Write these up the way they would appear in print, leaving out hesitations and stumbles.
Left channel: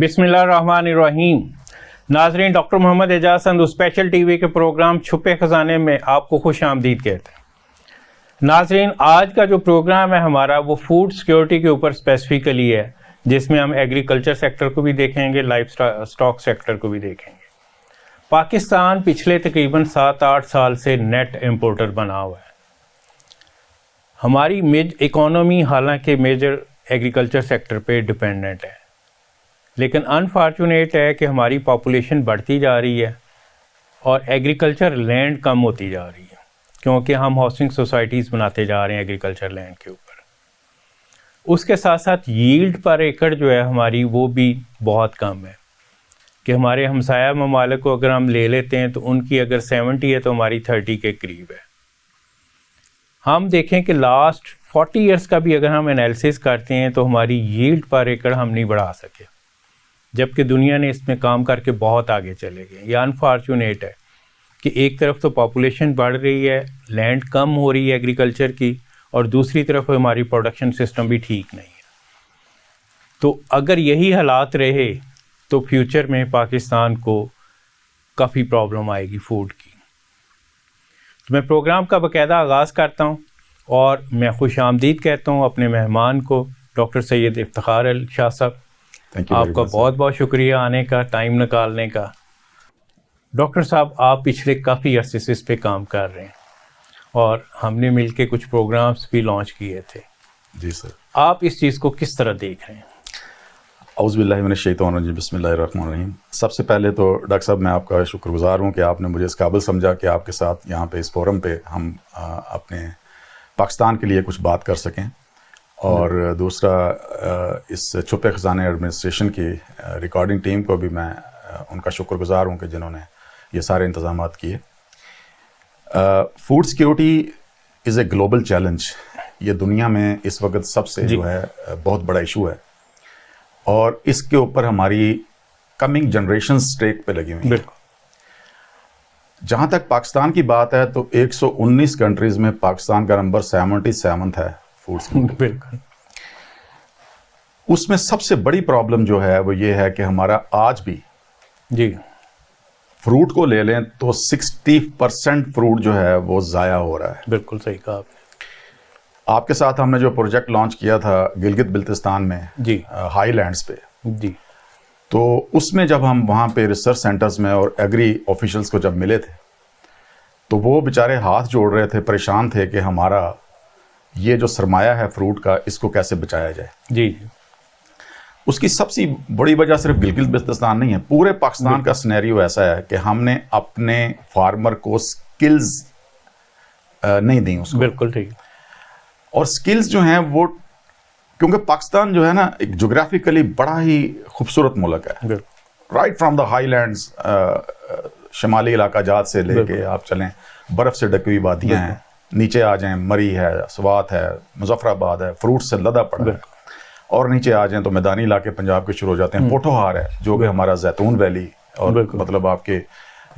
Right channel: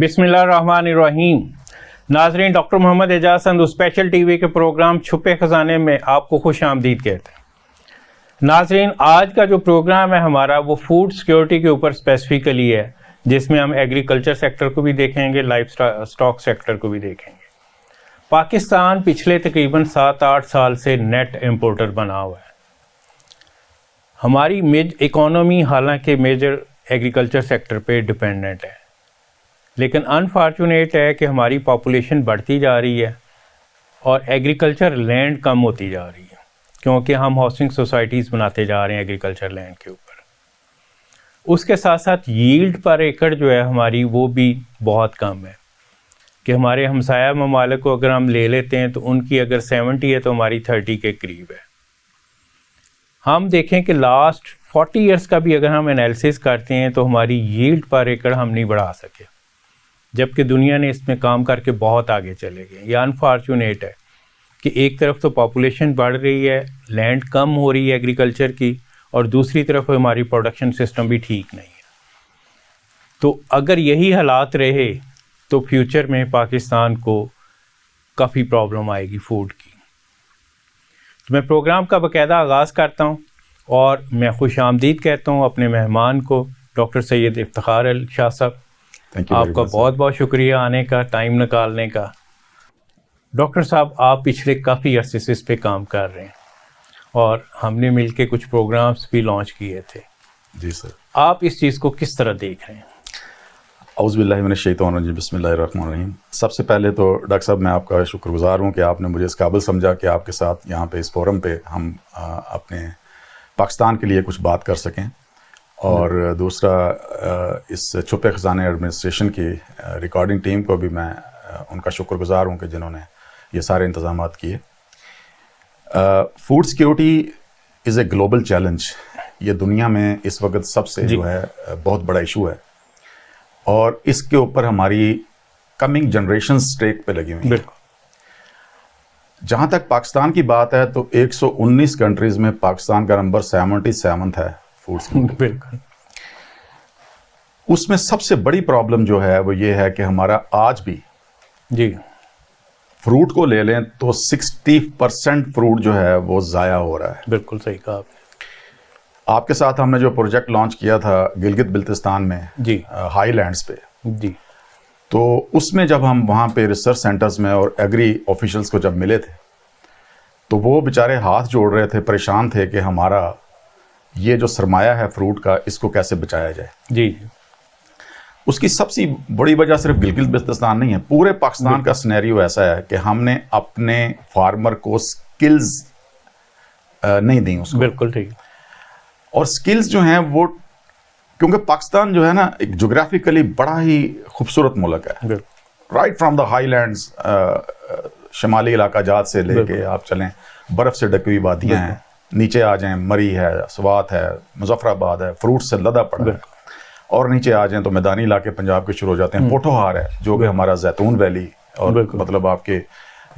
बिस्मिल्लाहिर्रहमानिर्रहीम। नाज़रीन, doctor Mohammad Ejaz Sandhu special TV के प्रोग्राम छुपे खजाने में आपको खुश आमदीद कहते हैं। नाज़रीन, आज का जो प्रोग्राम है हमारा वो फूड सिक्योरिटी के ऊपर स्पेसिफिकली है, जिसमें हम एग्रीकल्चर सेक्टर को भी देखेंगे, लाइफ स्टॉक सेक्टर को भी देखेंगे। पाकिस्तान पिछले तकरीबन 7-8 साल से नेट इम्पोर्टर बना हुआ है। हमारी इकोनॉमी हालांकि मेजर एग्रीकल्चर सेक्टर पे डिपेंडेंट है, लेकिन अनफॉर्चुनेट है कि हमारी पॉपुलेशन बढ़ती जा रही है और एग्रीकल्चर लैंड कम होती जा रही है, क्योंकि हम हाउसिंग सोसाइटीज़ बनाते जा रहे हैं एग्रीकल्चर लैंड के ऊपर। उसके साथ साथ यील्ड पर एकड़ जो है हमारी वो भी बहुत कम है कि हमारे हमसाया ममालिक को अगर हम ले लेते हैं तो उनकी अगर 70 है तो हमारी 30 के करीब है। हम देखें कि लास्ट 40 इयर्स का भी अगर हम एनालिसिस करते हैं तो हमारी यील्ड पर एकड़ हम नहीं बढ़ा सके, जबकि दुनिया ने इसमें काम करके बहुत आगे चले गए। ये अनफॉर्चुनेट है कि एक तरफ तो पॉपुलेशन बढ़ रही है, लैंड कम हो रही है एग्रीकल्चर की, और दूसरी तरफ हमारी प्रोडक्शन सिस्टम भी ठीक नहीं है। तो अगर यही हालात रहे तो फ्यूचर में पाकिस्तान को काफ़ी प्रॉब्लम आएगी फूड की। तो मैं प्रोग्राम का बाकायदा आगाज़ करता हूँ और मैं खुश आमदीद कहता हूँ अपने मेहमान को, डॉक्टर सैयद इफ्तिखार अली शाह साहब। आपका बहुत बहुत शुक्रिया आने का, टाइम निकालने का। डॉक्टर साहब, आप पिछले काफ़ी अरसे से इस पे काम कर रहे हैं और हमने मिलके कुछ प्रोग्राम्स भी लॉन्च किए थे। जी सर। आप इस चीज़ को किस तरह देख रहे हैं? औज़ुबिल्लाहि मिनश्शैतानिर्रजीम, बिस्मिल्लाहिर्रहमानिर्रहीम। सबसे पहले तो डॉक्टर साहब मैं आपका शुक्रगुजार हूँ कि आपने मुझे इस काबिल समझा कि आपके साथ यहाँ पे इस फोरम पे हम अपने पाकिस्तान के लिए कुछ बात कर सकें। और दूसरा, इस छुपे खजाने एडमिनिस्ट्रेशन की रिकॉर्डिंग टीम को भी मैं उनका शुक्रगुजार हूँ कि जिन्होंने ये सारे इंतज़ाम किए। Food security is a global challenge. ये दुनिया में इस वक्त सबसे जो है बहुत बड़ा इशू है और इसके ऊपर हमारी कमिंग जनरेशन स्टेक पे लगी हुई हैं। जहाँ तक पाकिस्तान की बात है तो 119 कंट्रीज़ में पाकिस्तान का नंबर 77 है फूड सिक्योरिटी। बिल्कुल। उसमें सबसे बड़ी प्रॉब्लम जो है वो ये है कि हमारा आज भी जी फ्रूट को ले लें तो 60% फ्रूट जो है वो ज़ाया हो रहा है। बिल्कुल सही कहा आपने। आपके साथ हमने जो प्रोजेक्ट लॉन्च किया था गिलगित बिल्तिस्तान में जी हाईलैंड्स पे जी, तो उसमें जब हम वहाँ पे रिसर्च सेंटर्स में और एग्री ऑफिशियल्स को जब मिले थे तो वो बेचारे हाथ जोड़ रहे थे, परेशान थे कि हमारा ये जो सरमाया है फ्रूट का, इसको कैसे बचाया जाए। जी। उसकी सबसे बड़ी वजह सिर्फ गिलगित बिल्तिस्तान नहीं है, पूरे पाकिस्तान का सिनेरियो ऐसा है कि हमने अपने फार्मर को स्किल्स नहीं दी उसको। बिल्कुल ठीक। और स्किल्स जो हैं वो, क्योंकि पाकिस्तान जो है ना एक जोग्राफिकली बड़ा ही खूबसूरत मुल्क है, राइट फ्रॉम द हाईलैंड्स, शमाली इलाका जात से लेके आप चलें, बर्फ़ से ढकी हुई वादियाँ हैं, नीचे आ जाएं मरी है, स्वात है, मुजफ्फराबाद है, फ्रूट से लदा पड़ा है, और नीचे आ जाएं तो मैदानी इलाके पंजाब के शुरू हो जाते हैं। पोठोहार है जो कि हमारा जैतून वैली और मतलब आपके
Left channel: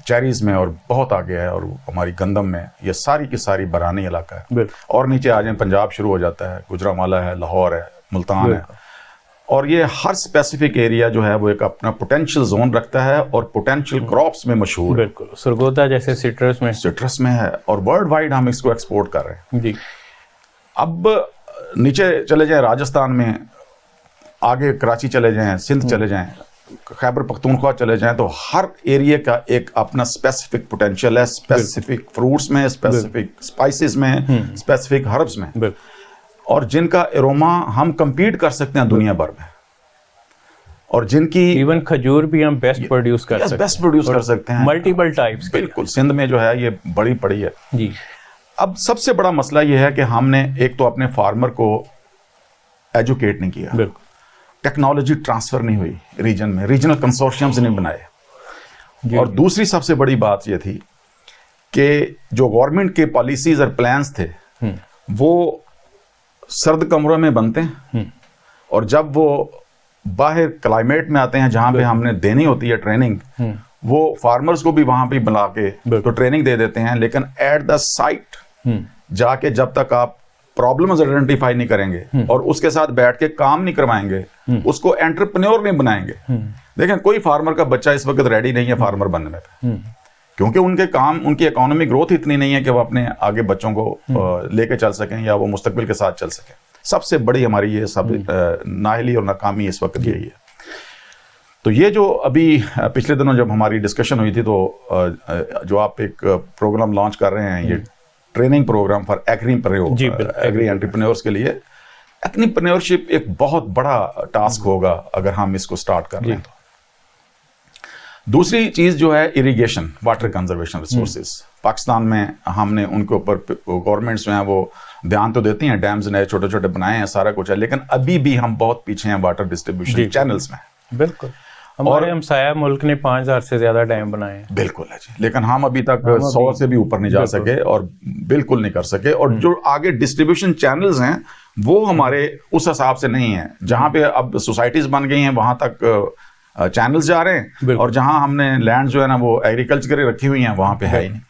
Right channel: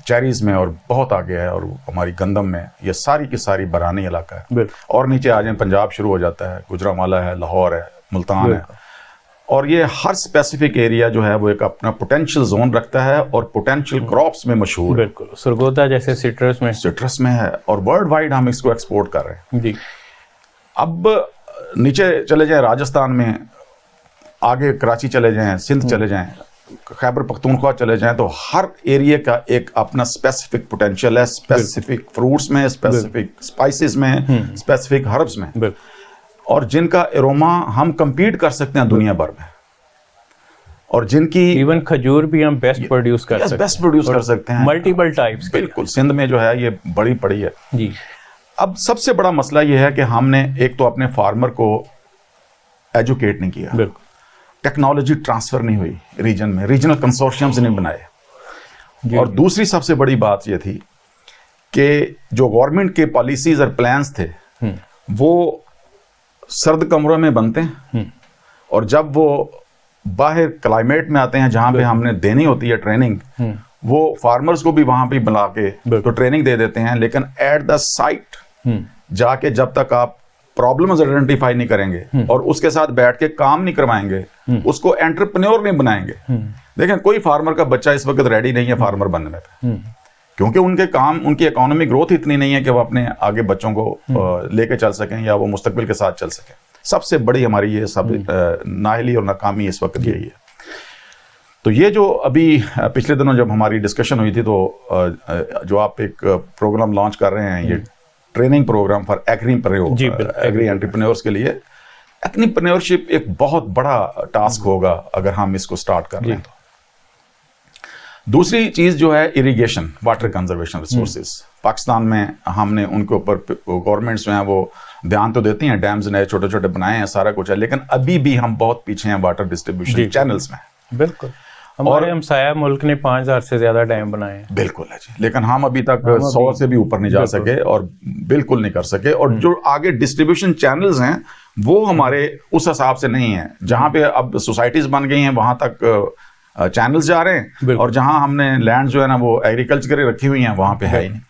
चेरीज़ में और बहुत आगे है, और हमारी गंदम में, ये सारी की सारी बरानी इलाका है। और नीचे आ जाएं पंजाब शुरू हो जाता है, गुजरांवाला है, लाहौर है, मुल्तान है, और ये हर स्पेसिफिक एरिया जो है वो एक अपना पोटेंशियल जोन रखता है और पोटेंशियल क्रॉप्स में मशहूर है। बिल्कुल, सरगोदा जैसे सिट्रस में है और वर्ल्ड वाइड हम इसको एक्सपोर्ट कर रहे हैं। जी। अब नीचे चले जाएं राजस्थान में, आगे कराची चले जाएं, सिंध चले जाएं, खैबर पख्तूनख्वा चले जाएं, तो हर एरिया का एक अपना स्पेसिफिक पोटेंशियल है, स्पेसिफिक फ्रूट्स में, स्पेसिफिक स्पाइसेस में, स्पेसिफिक हर्ब्स में, और जिनका एरोमा हम compete कर सकते हैं दुनिया भर में, और जिनकी इवन खजूर भी हम बेस्ट प्रोड्यूस कर सकते हैं मल्टीपल टाइप्स। बिल्कुल, सिंध में जो है ये बड़ी पड़ी है जी। अब सबसे बड़ा मसला ये है कि हमने एक तो अपने फार्मर को एजुकेट नहीं किया, बिल्कुल, टेक्नोलॉजी ट्रांसफर नहीं हुई रीजन में, रीजनल कंसोर्शियम्स नहीं बनाए, और दूसरी सबसे बड़ी बात ये थी कि जो गवर्नमेंट के पॉलिसीज और प्लान्स थे वो सर्द कमरों में बनते हैं, और जब वो बाहर क्लाइमेट में आते हैं जहाँ पे हमने देनी होती है ट्रेनिंग, वो फार्मर्स को भी वहाँ पे बुला के तो ट्रेनिंग दे देते हैं, लेकिन एट द साइट जाके जब तक आप प्रॉब्लम्स आइडेंटिफाई नहीं करेंगे और उसके साथ बैठ के काम नहीं करवाएंगे, उसको एंटरप्रेन्योर नहीं बनाएंगे। देखें, कोई फार्मर का बच्चा इस वक्त रेडी नहीं है फार्मर बनने पे, क्योंकि उनकी इकोनॉमिक ग्रोथ इतनी नहीं है कि वो अपने आगे बच्चों को लेके चल सकें या वो मुस्तकबिल के साथ चल सकें। सबसे बड़ी हमारी ये सब नाअहली और नाकामी इस वक्त यही है। तो ये जो अभी पिछले दिनों जब हमारी डिस्कशन हुई थी, तो जो आप एक प्रोग्राम लॉन्च कर रहे हैं, ये training programme for agri entrepreneurs के लिए, एंटरप्रेन्योरशिप एक बहुत बड़ा टास्क होगा अगर हम इसको स्टार्ट कर रहे हैं। तो दूसरी चीज जो है irrigation, water conservation resources. Pakistan में हमने उनके ऊपर गवर्नमेंट्स जो हैं वो ध्यान तो देती हैं, डैम्स नए छोटे छोटे बनाए हैं, सारा कुछ है, लेकिन अभी भी हम बहुत पीछे हैं वाटर डिस्ट्रीब्यूशन चैनल्स में। बिल्कुल, हमारे हमसाया मुल्क ने 5000 से ज्यादा डैम बनाए हैं। बिल्कुल है जी, लेकिन हम अभी तक 100 से भी ऊपर नहीं जा सके और बिल्कुल नहीं कर सके। और जो आगे डिस्ट्रीब्यूशन चैनल्स हैं वो हमारे उस हिसाब से नहीं है। जहाँ पे अब सोसाइटीज बन गई हैं वहां तक चैनल्स जा रहे हैं, और जहां हमने लैंड जो है ना वो एग्रीकल्चर की रखी हुई हैं वहां पे है ही नहीं।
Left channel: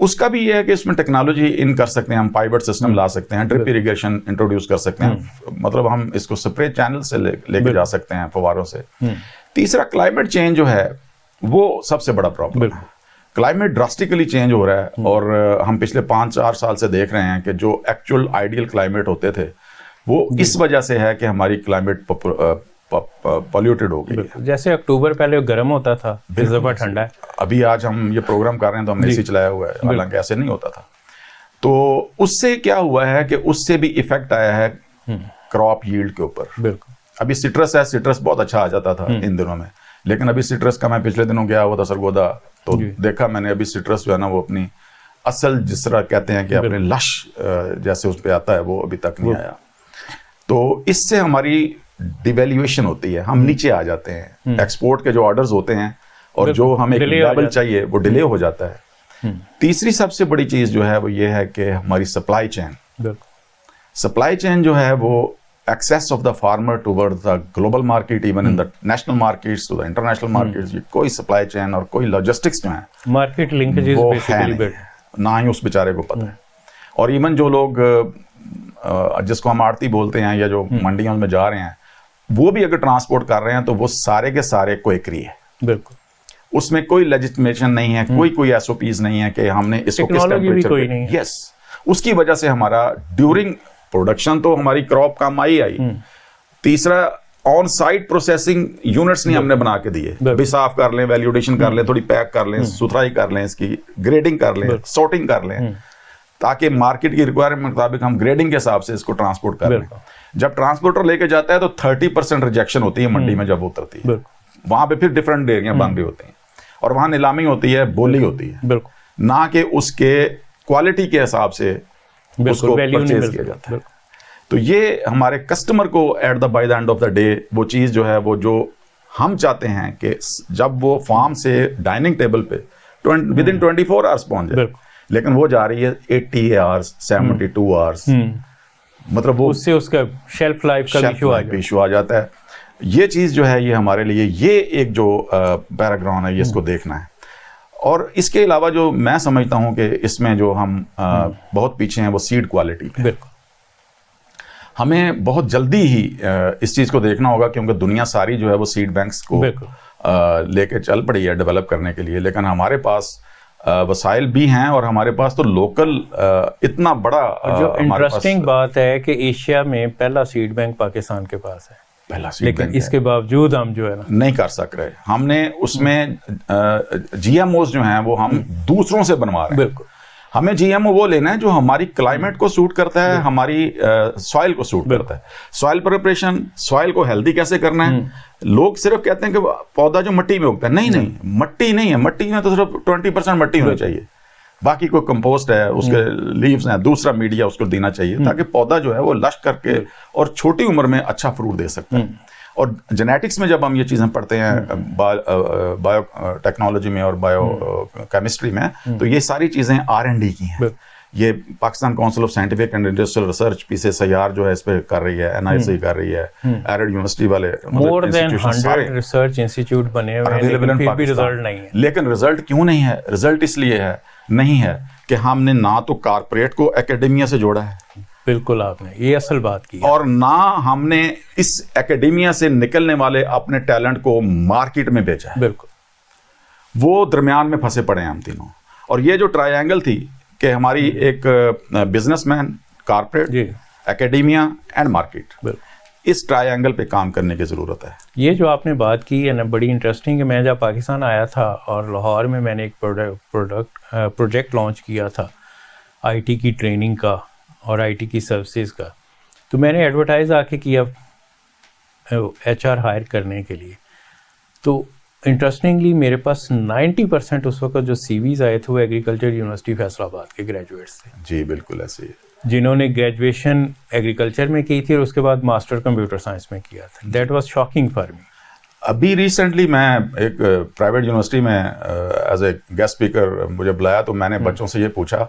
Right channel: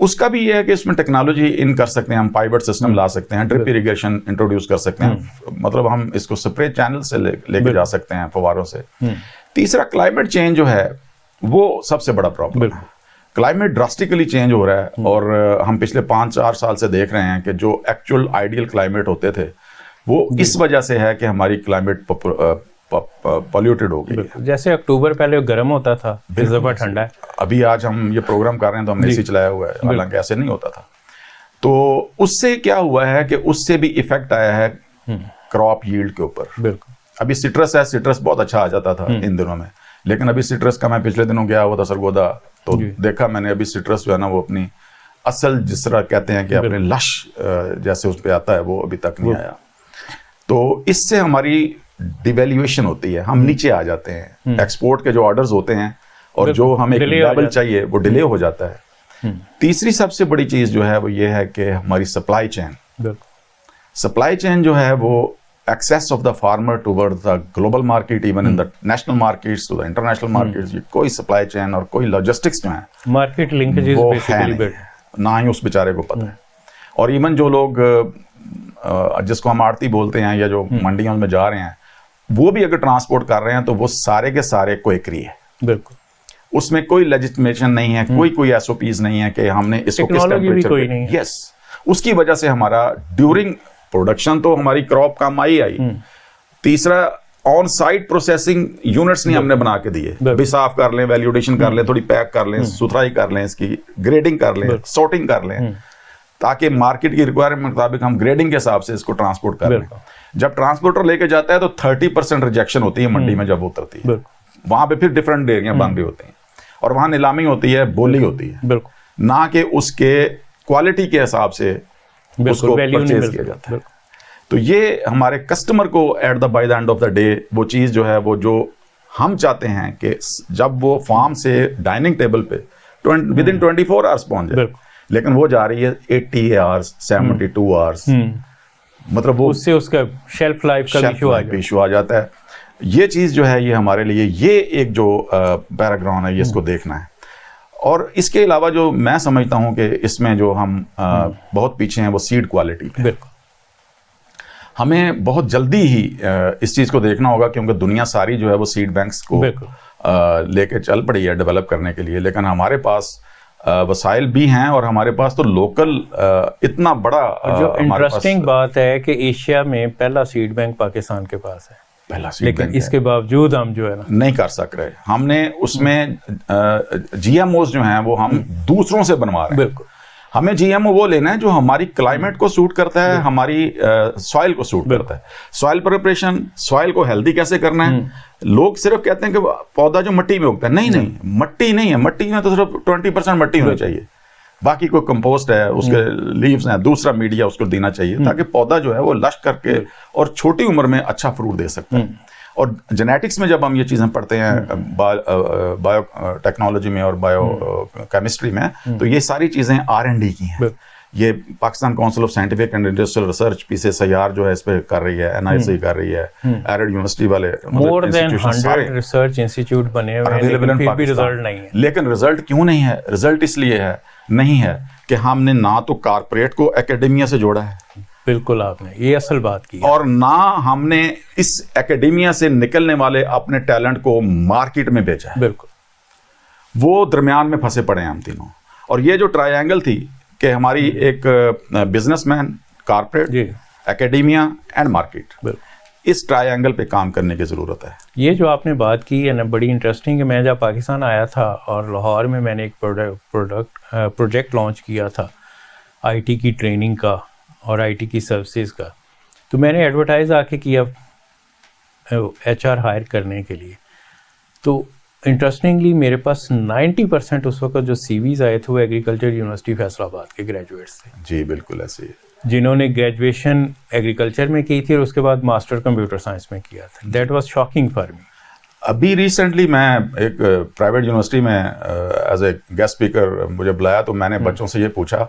उसका भी ये है कि इसमें टेक्नोलॉजी इन कर सकते हैं, हम पाइवट सिस्टम ला सकते हैं, ड्रिप इरिगेशन इंट्रोड्यूस कर सकते हैं, मतलब हम इसको स्प्रे चैनल से लेके जा सकते हैं, फवारों से। तीसरा, क्लाइमेट चेंज जो है वो सबसे बड़ा प्रॉब्लम है। क्लाइमेट ड्रास्टिकली चेंज हो रहा है और हम पिछले 5-4 साल से देख रहे हैं कि जो एक्चुअल आइडियल क्लाइमेट होते थे वो इस वजह से है कि हमारी क्लाइमेट पॉल्यूटेड हो गई है। जैसे अक्टूबर पहले गर्म होता था, इस दफा ठंडा है। अभी आज हम ये प्रोग्राम कर रहे हैं तो हमने एसी चलाया हुआ है, हालांकि ऐसे नहीं होता था। तो उससे क्या हुआ है कि उससे भी इफेक्ट आया है क्रॉप यील्ड के ऊपर। अभी सिट्रस है, सिट्रस बहुत अच्छा आ जाता था इन दिनों में, लेकिन अभी सिट्रस का मैं पिछले दिनों गया हुआ था सरगोदा, तो देखा मैंने अभी सिट्रस जो है ना वो अपनी असल, जिस तरह कहते हैं कि अपने लश जैसे उस पर आता है, वो अभी तक नहीं आया। तो इससे हमारी डिवैल्यूएशन होती है, हम नीचे आ जाते हैं। एक्सपोर्ट के जो ऑर्डर्स होते हैं और जो हमें लेवल चाहिए वो डिले हो जाता है। तीसरी सबसे बड़ी चीज जो है वो ये है कि हमारी सप्लाई चेन जो है वो access of the farmer toward the global market, even in the national markets to the international markets, ये कोई सप्लाई चेन और कोई लॉजिस्टिक्स जो है, मार्केट लिंकेजेस बेसिकली ना ही उस बेचारे को पता है। और इवन जो लोग जिसको हम आड़ती बोलते हैं या जो मंडियों में जा रहे हैं, वो भी अगर ट्रांसपोर्ट कर रहे हैं तो वो सारे के सारे क्वेकरी है। बिल्कुल, उसमें कोई लेजिटिमेशन नहीं है, कोई एसओपीज नहीं है कि हमने इसको किस टेम्परेचर पे। यस, उसकी वजह से हमारा ड्यूरिंग प्रोडक्शन तो हमारी क्रॉप कम आई। तीसरा, ऑन साइट प्रोसेसिंग यूनिट्स नहीं हमने बना के दिए, भी साफ कर लें, वैल्यूडेशन कर लें, थोड़ी पैक कर लें, सुथराई कर लें, इसकी ग्रेडिंग कर लें, सॉर्टिंग कर लें, ताकि मार्केट की रिक्वायरमेंट के मुताबिक हम ग्रेडिंग के हिसाब से इसको ट्रांसपोर्ट कर लें। जब ट्रांसपोर्टर लेके जाता है तो 30% रिजेक्शन होती है मंडी में जब उतरती है, वहां पे फिर डिफरेंट डेयरियां बन रही होती हैं और वहां नीलामी होती है, बोली होती है, ना कि उसके क्वालिटी के हिसाब से उसको परचेज किया जाता है। तो ये हमारे कस्टमर को at the by the end of the day वो चीज जो है वो जो हम चाहते हैं कि जब वो फार्म से डाइनिंग टेबल पे विद इन 24 आवर्स पहुंच जाए, लेकिन वो जा रही है 80 आवर्स, 72 आवर्स, मतलब वो उससे उसका शेल्फ लाइफ का इशू आ जाता है। ये चीज जो है ये हमारे लिए ये एक जो बैकग्राउंड है ये इसको देखना है। और इसके अलावा जो मैं समझता हूं कि इसमें जो हम बहुत पीछे हैं वो सीड क्वालिटी पे। हमें बहुत जल्दी ही इस चीज को देखना होगा, क्योंकि दुनिया सारी जो है वो सीड बैंक्स को लेके चल पड़ी है डेवलप करने के लिए, लेकिन हमारे पास वसाइल भी हैं और हमारे पास तो लोकल इतना बड़ा। जो इंटरेस्टिंग बात है कि एशिया में पहला सीड बैंक पाकिस्तान के पास है, पहला सीड लेकिन इसके बावजूद हम जो है ना नहीं कर सक रहे। हमने उसमें जीएमओस जो हैं वो हम दूसरों से बनवा रहे हैं। बिल्कुल, हमें जीएमओ वो लेना है जो हमारी क्लाइमेट को सूट करता है, हमारी सॉइल को सूट करता है। सॉइल प्रिपरेशन, सॉइल को हेल्दी कैसे करना है। लोग सिर्फ कहते हैं कि पौधा जो मिट्टी में उगता है, नहीं, मट्टी नहीं है, मट्टी में तो सिर्फ 20% मट्टी होनी चाहिए, बाकी कोई कंपोस्ट है, उसके लीव्स हैं, दूसरा मीडिया उसको देना चाहिए, ताकि पौधा जो है वो लश करके और छोटी उम्र में अच्छा फ्रूट दे सकता है। और जेनेटिक्स में जब हम ये चीज़ें पढ़ते हैं बायो टेक्नोलॉजी में और बायो केमिस्ट्री में, तो ये सारी चीज़ें R&D की हैं। ये Pakistan council of scientific and industrial research PCSIR जो है इस पे कर रही है, NIC कर रही है, एरिड यूनिवर्सिटी वाले, मोर देन 100 रिसर्च इंस्टीट्यूट बने हुए हैं, लेकिन फिर भी रिजल्ट नहीं है। लेकिन रिजल्ट क्यों नहीं है? रिजल्ट इसलिए है नहीं है कि हमने ना तो कारपोरेट को एकेडमिया से जोड़ा है, बिल्कुल, आपने ये असल बात की है। और ना हमने इस एकेडेमिया से निकलने वाले अपने टैलेंट को मार्केट में बेचा है। बिल्कुल, वो दरमियान में फंसे पड़े हैं हम तीनों। और ये जो ट्रायंगल थी कि हमारी एक businessman, corporate, academia and market, इस ट्रायंगल पे काम करने की ज़रूरत है। ये जो आपने बात की है ना, बड़ी इंटरेस्टिंग है। मैं जब पाकिस्तान आया था और लाहौर में मैंने एक प्रोजेक्ट लॉन्च किया था आईटी की ट्रेनिंग का और आईटी की सर्विसेज का, तो मैंने एडवर्टाइज आके किया एचआर हायर करने के लिए। तो इंटरेस्टिंगली मेरे पास 90% उस वक्त जो सीवीज आए थे वो एग्रीकल्चर यूनिवर्सिटी फैसलाबाद के ग्रेजुएट्स थे। जी बिल्कुल ऐसे ही, जिन्होंने ग्रेजुएशन एग्रीकल्चर में की थी और उसके बाद मास्टर कंप्यूटर साइंस में किया था। That was shocking for me. अभी रिसेंटली मैं एक प्राइवेट यूनिवर्सिटी में एज ए गेस्ट स्पीकर मुझे बुलाया, तो मैंने बच्चों से ये पूछा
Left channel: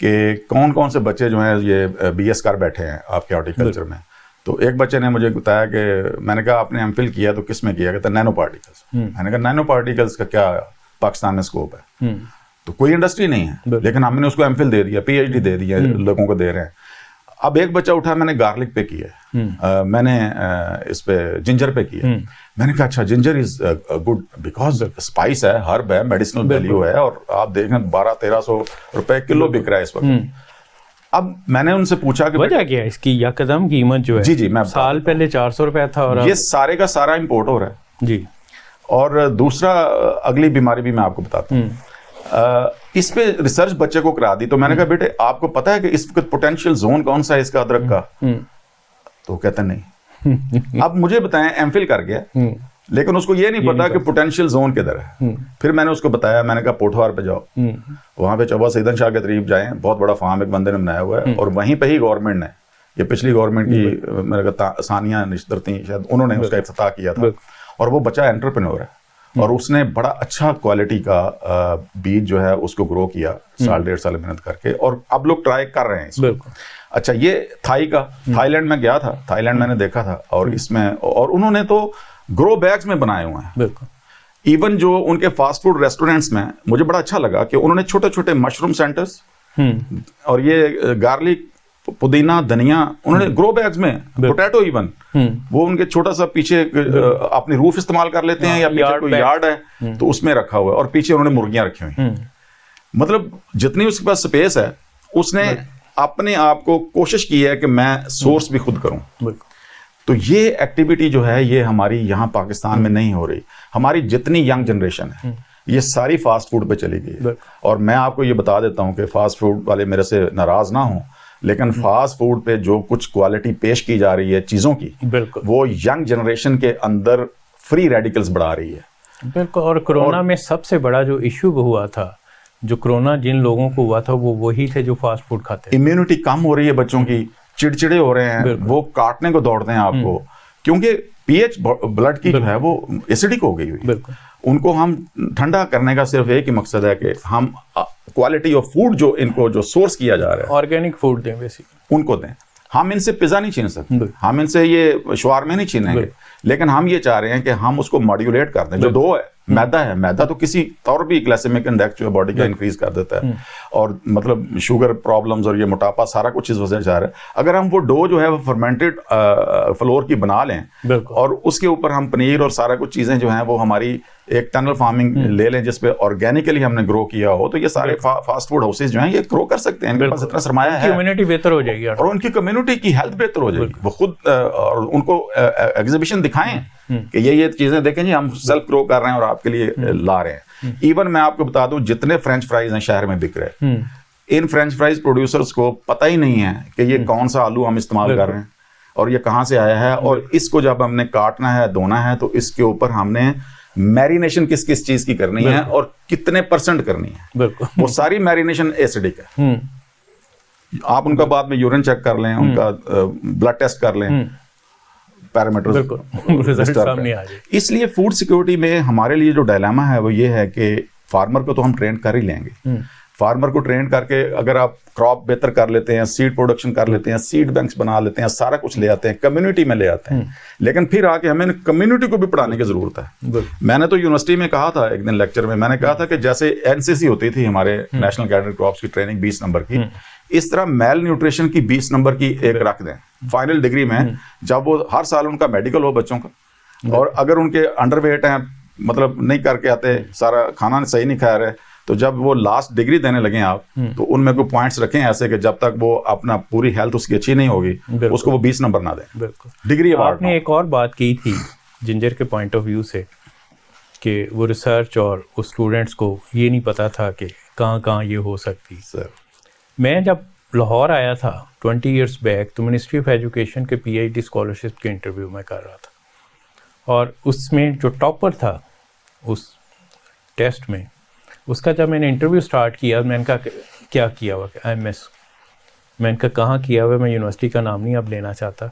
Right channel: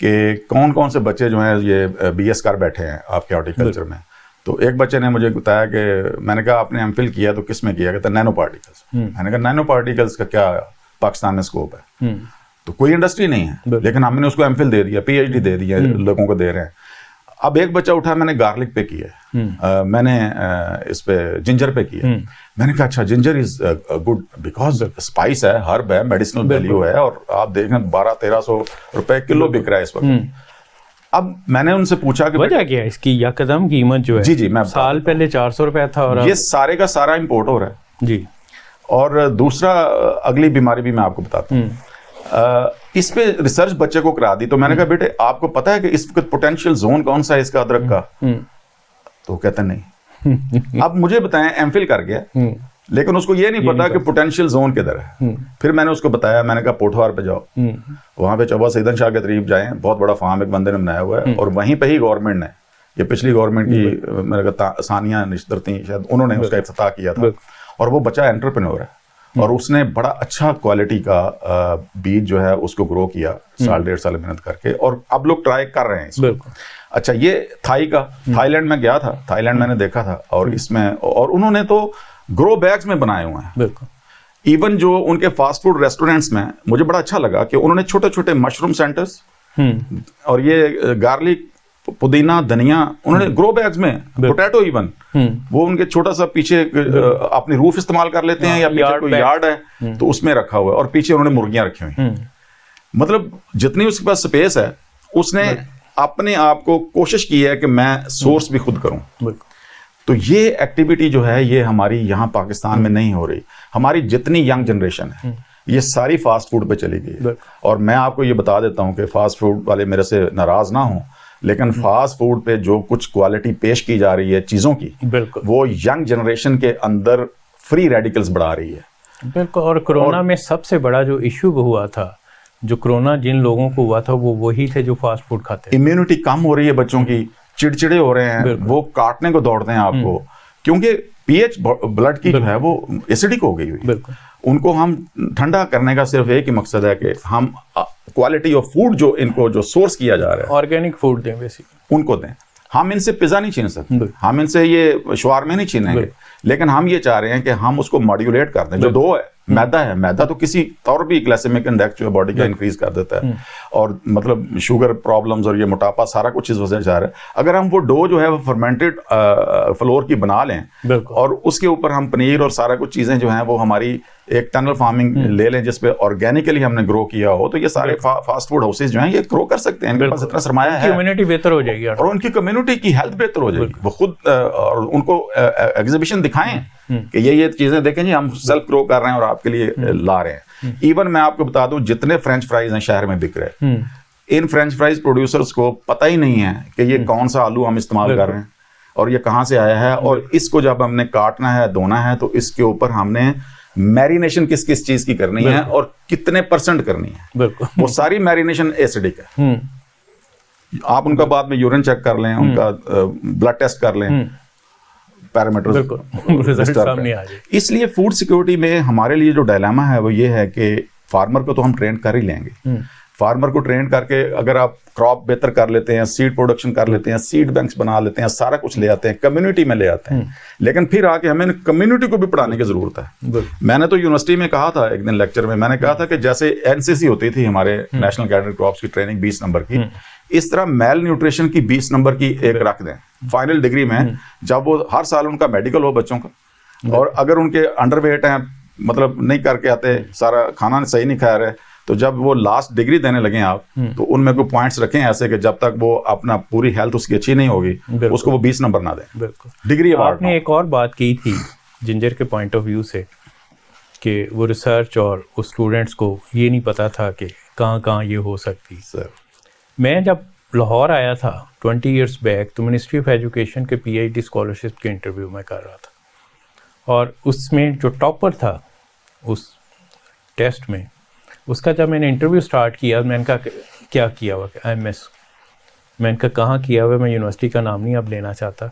कि कौन कौन से बच्चे जो हैं ये बीएस कर बैठे हैं आपके हॉर्टिकल्चर में। तो एक बच्चे ने मुझे बताया कि मैंने कहा आपने एमफिल किया तो किस में किया? कहता नैनो पार्टिकल्स। मैंने कहा नैनो पार्टिकल्स का क्या पाकिस्तान में स्कोप है? तो कोई इंडस्ट्री नहीं है, लेकिन हमने उसको एमफिल दे दिया, पीएचडी दे दिया, लोगों को दे रहे हैं। अब एक बच्चा उठा, मैंने गार्लिक पे किया, मैंने इस पे जिंजर पे किया। मैंने कहा अच्छा ginger is good because spice है, हर्ब है, मेडिसिनल वैल्यू है, और आप देखें 1200-1300 रुपए किलो बिक रहा है इस वक्त। अब मैंने उनसे पूछा कि वजह क्या है इसकी? यकदम कीमत जो है, जी मैं साल पहले 400 रुपया था और ये सारे का सारा इंपोर्ट हो रहा है जी। और दूसरा अगली बीमारी भी मैं आपको बताता हूँ। इस पे रिसर्च बच्चे को करा दी, तो मैंने कहा बेटे आपको पता है कि इस वक्त पोटेंशियल जोन कौन सा है इसका अदरक का? तो कहता नहीं। अब मुझे बताएं, एमफिल कर गया, लेकिन उसको ये नहीं पता कि पोटेंशियल जोन किधर है। फिर मैंने उसको बताया, मैंने कहा पोठवार पे जाओ, वहां पे चौबा सईदन शाह के करीब जाएं, बहुत बड़ा फार्म एक बंदे ने बनाया हुआ है, और वहीं पे ही गवर्नमेंट ने, ये पिछली गवर्नमेंट की मेरे कहा सानिया निश्तर थी शायद, उन्होंने उसका इफ्तिताह किया था। और वो बच्चा एंटरप्रेन्योर है और उसने बड़ा अच्छा क्वालिटी का बीज जो है उसको ग्रो किया 1.5 साल मेहनत करके, और अब लोग ट्राई कर रहे हैं इसको। अच्छा ये थाईलैंड में गया था, थाईलैंड मैंने देखा था, और इसमें और उन्होंने तो ग्रो बैग्स में बनाए हुए हैं। इवन जो उनके फास्ट फूड रेस्टोरेंट्स में मुझे बड़ा अच्छा लगा कि उन्होंने छोटे छोटे मशरूम सेंटर्स और ये गार्लिक, पुदीना, धनिया, उन्होंने ग्रो बैग्स में, पोटैटो इवन वो उनके छोटा सा पीछे अपनी रूफ इस्तेमाल कर लेते हैं, या पीछे कोई यार्ड है तो उसमें रखा हुआ है, और पीछे उन्होंने मुर्गियां रखी हुई हैं। मतलब जितनी उसके पास स्पेस है, उसने अपने आप को कोशिश की है कि मैं सोर्स भी खुद करूं। तो ये एक्टिविटी जो है ये हमारी यहाँ पाकिस्तान में नहीं हो रही। हमारी जितनी यंग जनरेशन है ये सारी फास्ट फूड पे चली गई है। और मैं आपको ये बता देता हूँ कि फास्ट फूड वाले मेरे से नाराज ना हों, लेकिन फास्ट फूड पे जो कुछ क्वालिटी पेश की जा रही है चीज़ों की, वो यंग जनरेशन के अंदर फ्री रेडिकल्स बढ़ा रही है। बिल्कुल। और कोरोना में सबसे बड़ा जो इश्यू हुआ था, जो कोरोना जिन लोगों को हुआ था वो वही थे जो फास्ट फूड खाते। इम्यूनिटी कम हो रही है बच्चों की, चिड़चिड़े हो रहे हैं, वो काटने को दौड़ते हैं आपको, क्योंकि पीएच ब्लड की जो है वो एसिडिक हो गई हुई। उनको हम ठंडा करने का सिर्फ एक ही मकसद है कि हम क्वालिटी ऑफ फूड जो इनको जो सोर्स किया जा रहा है, ऑर्गेनिक फूड दें बेसिकली, उनको दें। हम इनसे पिज़्ज़ा नहीं छीन सकते, हम इनसे ये शवारमे नहीं छीनेंगे, लेकिन हम ये चाह रहे हैं कि हम उसको मॉड्यूलेट कर दें। जो डो है, मैदा है, मैदा तो किसी तौर भी ग्लाइसेमिक इंडेक्स जो है बॉडी का इंक्रीज कर देता है, और मतलब शुगर प्रॉब्लम्स और ये मोटापा सारा कुछ इस वजह से जा रहा है। अगर हम वो डो जो है वो फर्मेंटेड फ्लोर की बना लें और उसके ऊपर हम पनीर और सारा कुछ चीज़ें जो हैं वो हमारी एक टनल फार्मिंग ले लें जिसपे ऑर्गेनिकली हमने ग्रो किया हो, तो ये सारे फास्ट फूड हाउसेज जो हैं ये ग्रो कर सकते हैं। इनके पास इतना सरमाया है, कम्युनिटी बेहतर हो जाएगी और उनकी कम्युनिटी की हेल्थ बेहतर हो जाएगी। वो खुद और उनको एग्जीबिशन दिखाएं कि ये चीजें देखें जी, हम सेल्फ ग्रो कर रहे हैं और आपके लिए ला रहे हैं। इवन मैं आपको बता दूं, जितने फ्रेंच फ्राइज हैं शहर में बिक रहे हैं, इन फ्रेंच फ्राइज प्रोड्यूसर्स को पता ही नहीं है कि ये कौन सा आलू हम इस्तेमाल कर रहे हैं और ये कहाँ से आया है, और इसको जब हमने काटना है, धोना है, तो इसके ऊपर हमने मैरिनेशन किस किस चीज की करनी है और कितने % करनी है। वो सारी मैरिनेशन एसिडिक है। आप उनका बाद में यूरिन चेक कर लें, उनका ब्लड टेस्ट कर लें, पैरामीटर। इसलिए फूड सिक्योरिटी में हमारे लिए जो डायलेमा है वो ये है कि फार्मर को तो हम ट्रेन कर ही लेंगे, फार्मर को ट्रेन करके अगर आप क्रॉप बेहतर कर लेते हैं, सीड प्रोडक्शन कर लेते हैं, सीड बैंक्स बना लेते हैं, सारा कुछ ले आते हैं, कम्युनिटी में ले आते हैं, लेकिन फिर आके हमें कम्युनिटी को भी पढ़ाने की जरूरत है। मैंने तो यूनिवर्सिटी में कहा था एक दिन लेक्चर में, मैंने कहा था कि जैसे एनसीसी होती थी हमारे नेशनल कैडेट क्रॉप्स की ट्रेनिंग 20 नंबर की, इस तरह मेल न्यूट्रिशन की 20 नंबर की एक रख दें फाइनल डिग्री में, जब वो हर साल उनका मेडिकल हो बच्चों का, और अगर उनके अंडरवेट हैं, मतलब नहीं करके आते, सारा खाना सही नहीं खा रहे, तो जब वो लास्ट डिग्री देने लगे आप, तो उनमें कोई पॉइंट्स रखें ऐसे कि जब तक वो अपना पूरी हेल्थ उसकी अच्छी नहीं होगी उसको वो 20 नंबर ना दें। बिल्कुल। डिग्री आपने एक और बात की थी जिंजर के पॉइंट ऑफ व्यू से कि वो रिसर्च और उस स्टूडेंट्स को ये नहीं पता था कि कहाँ ये हो सकती। सर मैं जब लाहौर आया था 20 इयर्स बैक, तो मिनिस्ट्री ऑफ एजुकेशन के PhD स्कॉलरशिप के इंटरव्यू में कर रहा था, और उसमें जो टॉपर था उस टेस्ट में, उसका जब मैंने इंटरव्यू स्टार्ट किया, मैंने कहा क्या किया हुआ IMS, मैंने कहा कहाँ किया हुआ, मैं यूनिवर्सिटी का नाम नहीं अब लेना चाहता,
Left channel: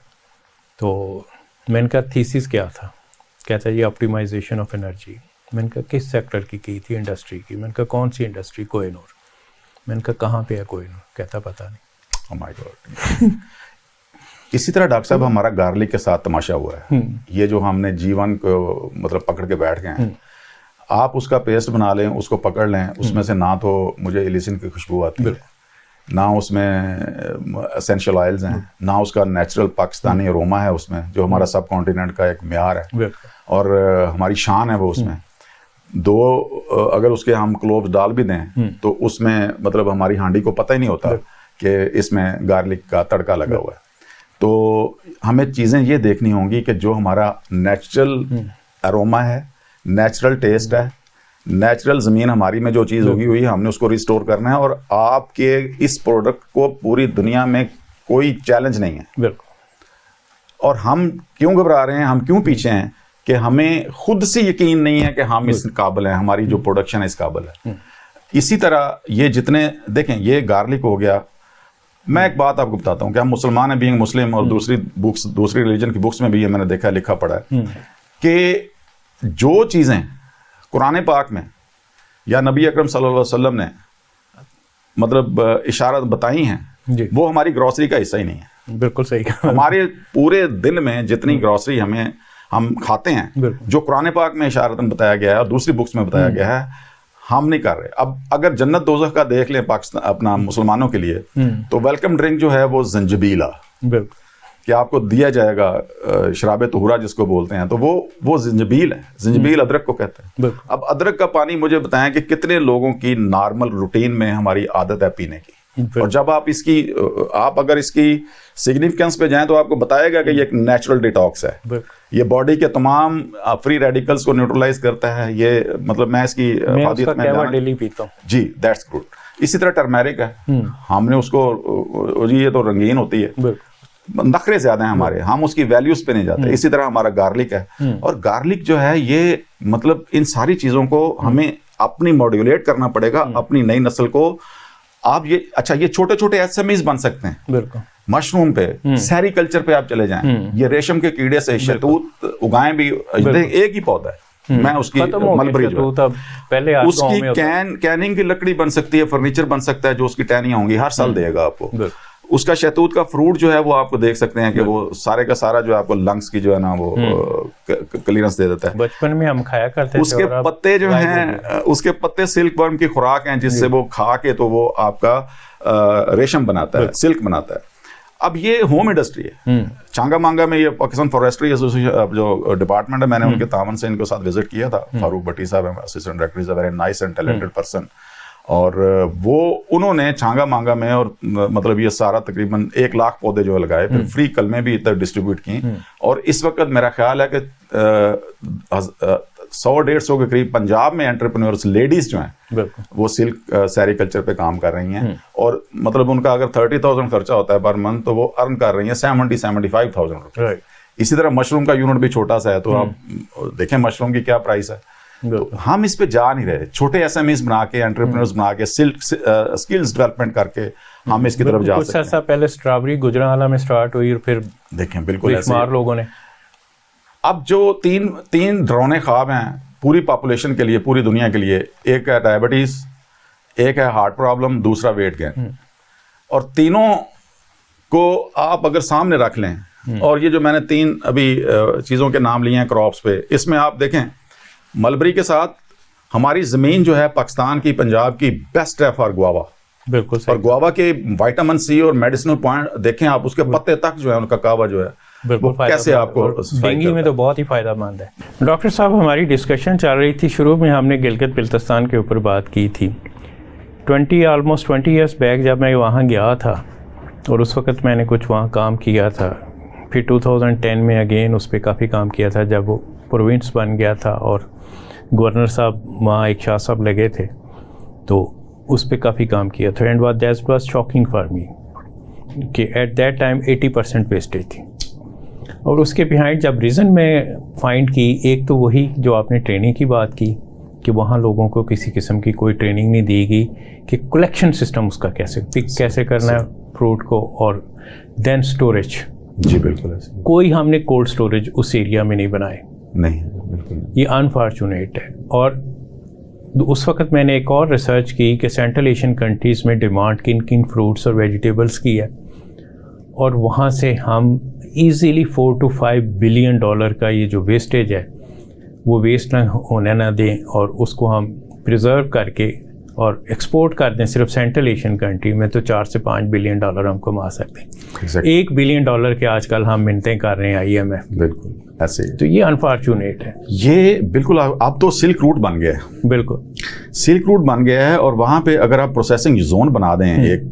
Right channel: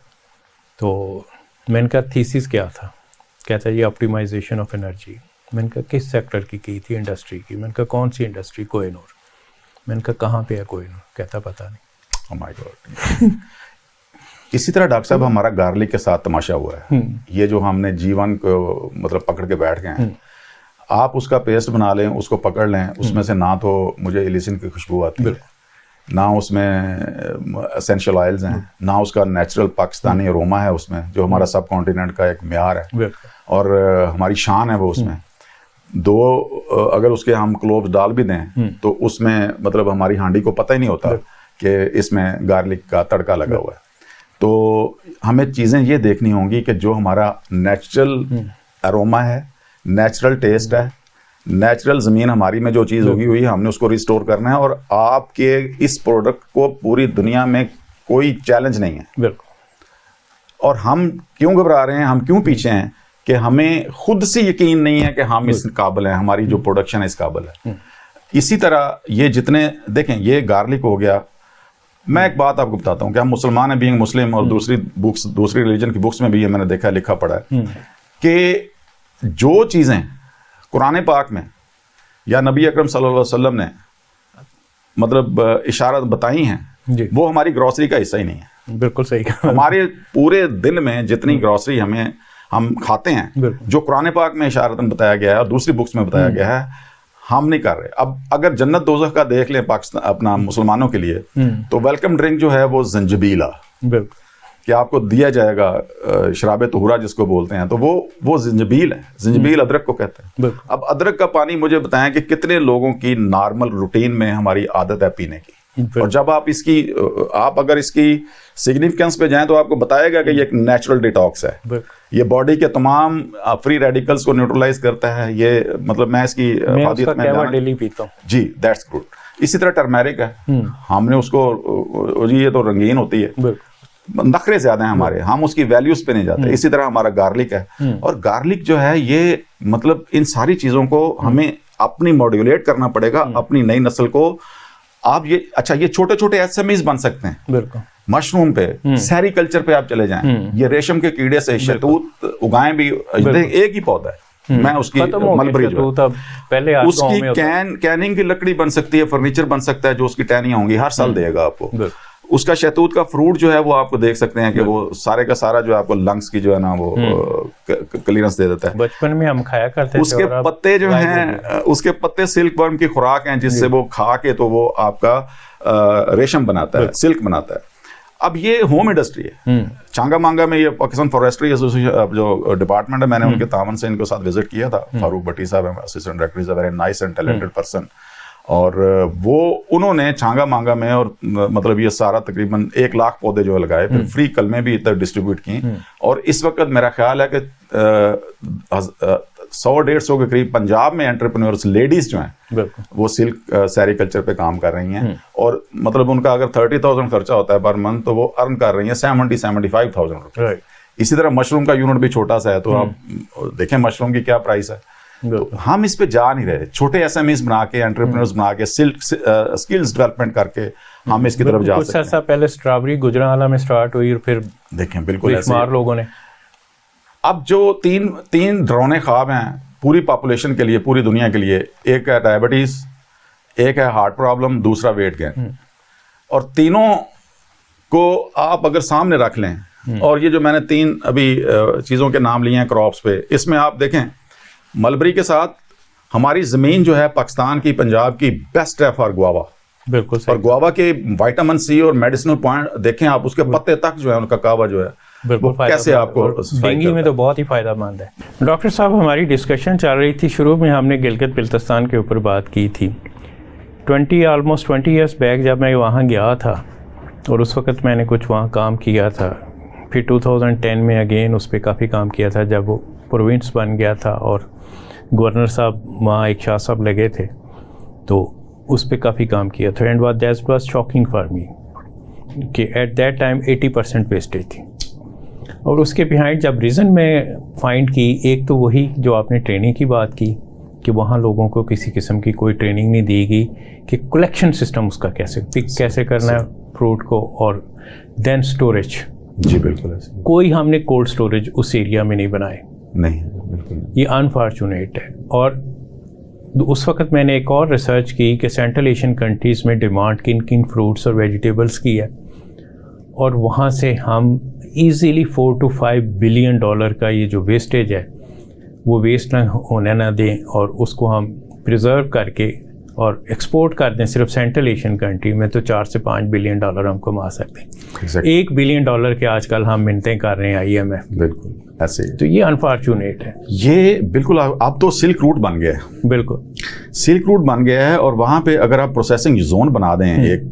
तो मैंने कहा थीसिस क्या था, कहता ये ऑप्टिमाइजेशन ऑफ एनर्जी। मैंने कहा किस सेक्टर की थी, इंडस्ट्री की। मैंने कहा कौन सी इंडस्ट्री, कोहिनूर। मैंने कहा कहाँ पे है कोहिनूर, कहता पता नहीं। Oh my God. इसी तरह डॉक्टर साहब हमारा गार्लिक के साथ तमाशा हुआ है, ये जो हमने जीवन को मतलब पकड़ के बैठ गए हैं, आप उसका पेस्ट बना लें, उसको पकड़ लें, उसमें से ना तो मुझे इलिसिन की खुशबू आती है, ना उसमें एसेंशियल ऑयल्स हैं, ना उसका नेचुरल पाकिस्तानी अरोमा है उसमें, जो हमारा सब कॉन्टिनेंट का एक म्यार है और हमारी शान है वो उसमें। दो अगर उसके हम क्लोव्स डाल भी दें तो उसमें मतलब हमारी हांडी को पता ही नहीं होता कि इसमें गार्लिक का तड़का लगा हुआ है। तो हमें चीज़ें ये देखनी होंगी कि जो हमारा नेचुरल अरोमा है, नेचुरल टेस्ट है, नेचुरल ज़मीन हमारी में जो चीज़ होगी हुई हमने उसको रिस्टोर करना है, और आपके इस प्रोडक्ट को पूरी दुनिया में कोई चैलेंज नहीं है। बिल्कुल। और हम क्यों घबरा रहे हैं, हम क्यों पीछे हैं कि हमें खुद से यकीन नहीं है कि हम इस काबिल हैं, हमारी जो प्रोडक्शन है इस काबिल है। इसी तरह ये जितने देखें, ये गार्लिक हो गया। मैं एक बात आपको बताता हूँ कि हम मुसलमान हैं, बीइंग मुस्लिम, और दूसरी रिलीजन की बुक्स में भी ये मैंने देखा लिखा पड़ा है कि जो चीज़ें कुरान पाक में या नबी अकरम सल्लल्लाहु अलैहि वसल्लम ने मतलब इशारत बताई हैं, वो हमारी ग्रॉसरी का हिस्सा ही नहीं है। बिल्कुल सही कहा। हमारे पूरे दिन में जितनी ग्रॉसरी हम खाते हैं, जो कुरान पाक में इशारतन बताया गया है और दूसरी बुक्स में बताया गया है, हम नहीं कर रहे। अब अगर जन्नत दोज़ख का देख लें पाकिस्तान अपना मुसलमानों के लिए, तो वेलकम ड्रिंक जो है वो जंजबील है कि आपको दिया जाएगा, शराब तुहरा जिसको बोलते हैं, तो वो जंजबील है। जंजबील अदरक को कहते हैं। अब अदरक का पानी मुझे बताएं कि कितने लोगों की नॉर्मल रूटीन में हमारी आदत है पीने की, और जब आप अगर इसकी सिग्निफिकेंस पे जाएं तो आपको बताएगा कि ये एक नेचुरल डिटॉक्स है, ये बॉडी के तमाम फ्री रेडिकल्स को न्यूट्रलाइज करता है। ये मतलब मैं इसकी फादियत में डेली पीता हूं जी, दैट्स गुड। इसी तरह टर्मेरिक है, हमने उसको जी ये तो रंगीन होती है, नखरे ज्यादा हैं हमारे, हम उसकी वैल्यूज पे नहीं जाते। इसी तरह हमारा गार्लिक है, और गार्लिक जो है ये मतलब इन सारी चीजों को हमें अपनी मॉड्यूलेट करना पड़ेगा, अपनी नई नस्ल को। आप ये अच्छा, ये छोटे छोटे एसएमईज बन सकते हैं। बिल्कुल। मशरूम पे, सेरीकल्चर पे आप चले जाएं, ये रेशम के कीड़े से शहतूत उगाएं भी, एक ही पौधा है, मैं उसकी मलबरी जो पहले उसकी कैनिंग की लकड़ी बन सकती है, फर्नीचर बन सकता है, जो उसकी टहनियां होंगी हर साल देगा आपको। उसका शहतूत का फ्रूट जो है वो आपको देख सकते हैं कि वो सारे का सारा जो है आपको लंग्स की जो है ना वो क्लियरेंस दे देता है। बचपन में हम खाया करते थे। उसके पत्ते जो हैं, उसके पत्ते सिल्क वर्म की खुराक हैं, जिससे वो खा के तो वो आपका रेशम बनाता है, सिल्क बनाता है। अब ये होम इंडस्ट्री है। चांगा मांगा में ये पाकिस्तान फॉरेस्ट्री एसोसिएशन जो डिपार्टमेंट है, मैंने उनके तावन से इनके साथ विजिट किया था। फारूक भट्टी साहब assistant director, is a very nice and talented person, और वो उन्होंने छांगा मांगा में और मतलब ये सारा तकरीबन 1 लाख पौधे जो लगाए, फिर फ्री कलमें भी इधर डिस्ट्रीब्यूट की। और इस वक्त मेरा ख्याल है कि 100-150 के करीब पंजाब में एंटरप्रेन्योर्स लेडीज जो हैं वो सिल्क सेरीकल्चर पे काम कर रही हैं, और मतलब उनका अगर 30,000 खर्चा होता है पर मंथ, तो वो अर्न कर रही हैं 70-75,000 रुपये। इसी तरह मशरूम का यूनिट भी छोटा सा है, तो आप देखें मशरूम की क्या प्राइस है। तो हम इस पे जा नहीं रहे। छोटे एसएमईज बना के, एंटरप्रेन्योर्स बना के, स्किल्स डेवलपमें करके हम इसकी तरफ जा सकते हैं। कुछ पहले स्ट्रॉबेरी गुजरांवाला में स्टार्ट हुई, और फिर देखें बिल्कुल ऐसे लोगों ने। अब जो तीन डरावने ख्वाब हैं पूरी पॉपुलेशन के लिए, पूरी दुनिया के लिए, एक है डायबिटीज, एक है हार्ट प्रॉब्लम, दूसरा वेट गेन, और तीनों को आप अगर सामने रख लें, और ये जो मैंने 3 अभी चीज़ों के नाम लिए हैं क्रॉप्स पे, इसमें आप देखें मलबरी के साथ हमारी ज़मीन जो है पाकिस्तान की, पंजाब की बेस्ट है फॉर गुआवा। बिल्कुल सही। और गुआवा के विटामिन सी और मेडिसिनल पॉइंट देखें आप, उसके पत्ते तक जो है उनका कावा जो है वो कैसे आपको डेंगू में तो बहुत ही फ़ायदेमंद है। डॉक्टर साहब, हमारी डिस्कशन चल रही थी, शुरू में हमने गिलगित बिल्तिस्तान के ऊपर बात की थी। ऑलमोस्ट 20 ईयर्स बैक जब मैं वहाँ गया था और उस वक़्त मैंने कुछ वहाँ काम किया था, फिर 2010 में अगेन उस पर काफ़ी काम किया था जब वो प्रोविंस बन गया था और गवर्नर साहब वहाँ एक शाह साहब लगे थे, तो उस पर काफ़ी काम किया था। And that was shocking for me कि एट दैट टाइम 80% वेस्टेज थी। और उसके बिहाइंड जब रीज़न मैं फाइंड की, एक तो वही जो आपने ट्रेनिंग की बात की कि वहाँ लोगों को किसी किस्म की कोई ट्रेनिंग नहीं दी गई कि कलेक्शन सिस्टम उसका कैसे पिक कैसे करना है फ्रूट को, और देन स्टोरेज। जी बिल्कुल ऐसे। कोई हमने कोल्ड स्टोरेज उस एरिया में नहीं बनाए, नहीं बिल्कुल। ये अनफॉर्चुनेट है। और उस वक्त मैंने एक और रिसर्च की कि सेंट्रल एशियन कंट्रीज़ में डिमांड किन किन फ्रूट्स और वेजिटेबल्स की है, और वहाँ से हम इजीली $4 to $5 बिलियन का ये जो वेस्टेज है वो वेस्ट ना होने ना दें, और उसको हम प्रिजर्व करके और एक्सपोर्ट कर दें। सिर्फ सेंट्रल एशियन कंट्री में तो $4 से $5 बिलियन हम कमा सकते हैं। $1 बिलियन के आजकल हम मिन्नतें कर रहे हैं IMF। बिल्कुल ऐसे। तो ये अनफॉर्चुनेट है। ये बिल्कुल अब तो सिल्क रूट बन गया है। बिल्कुल सिल्क रूट बन गया है, और वहाँ पे अगर आप प्रोसेसिंग जोन बना दें एक,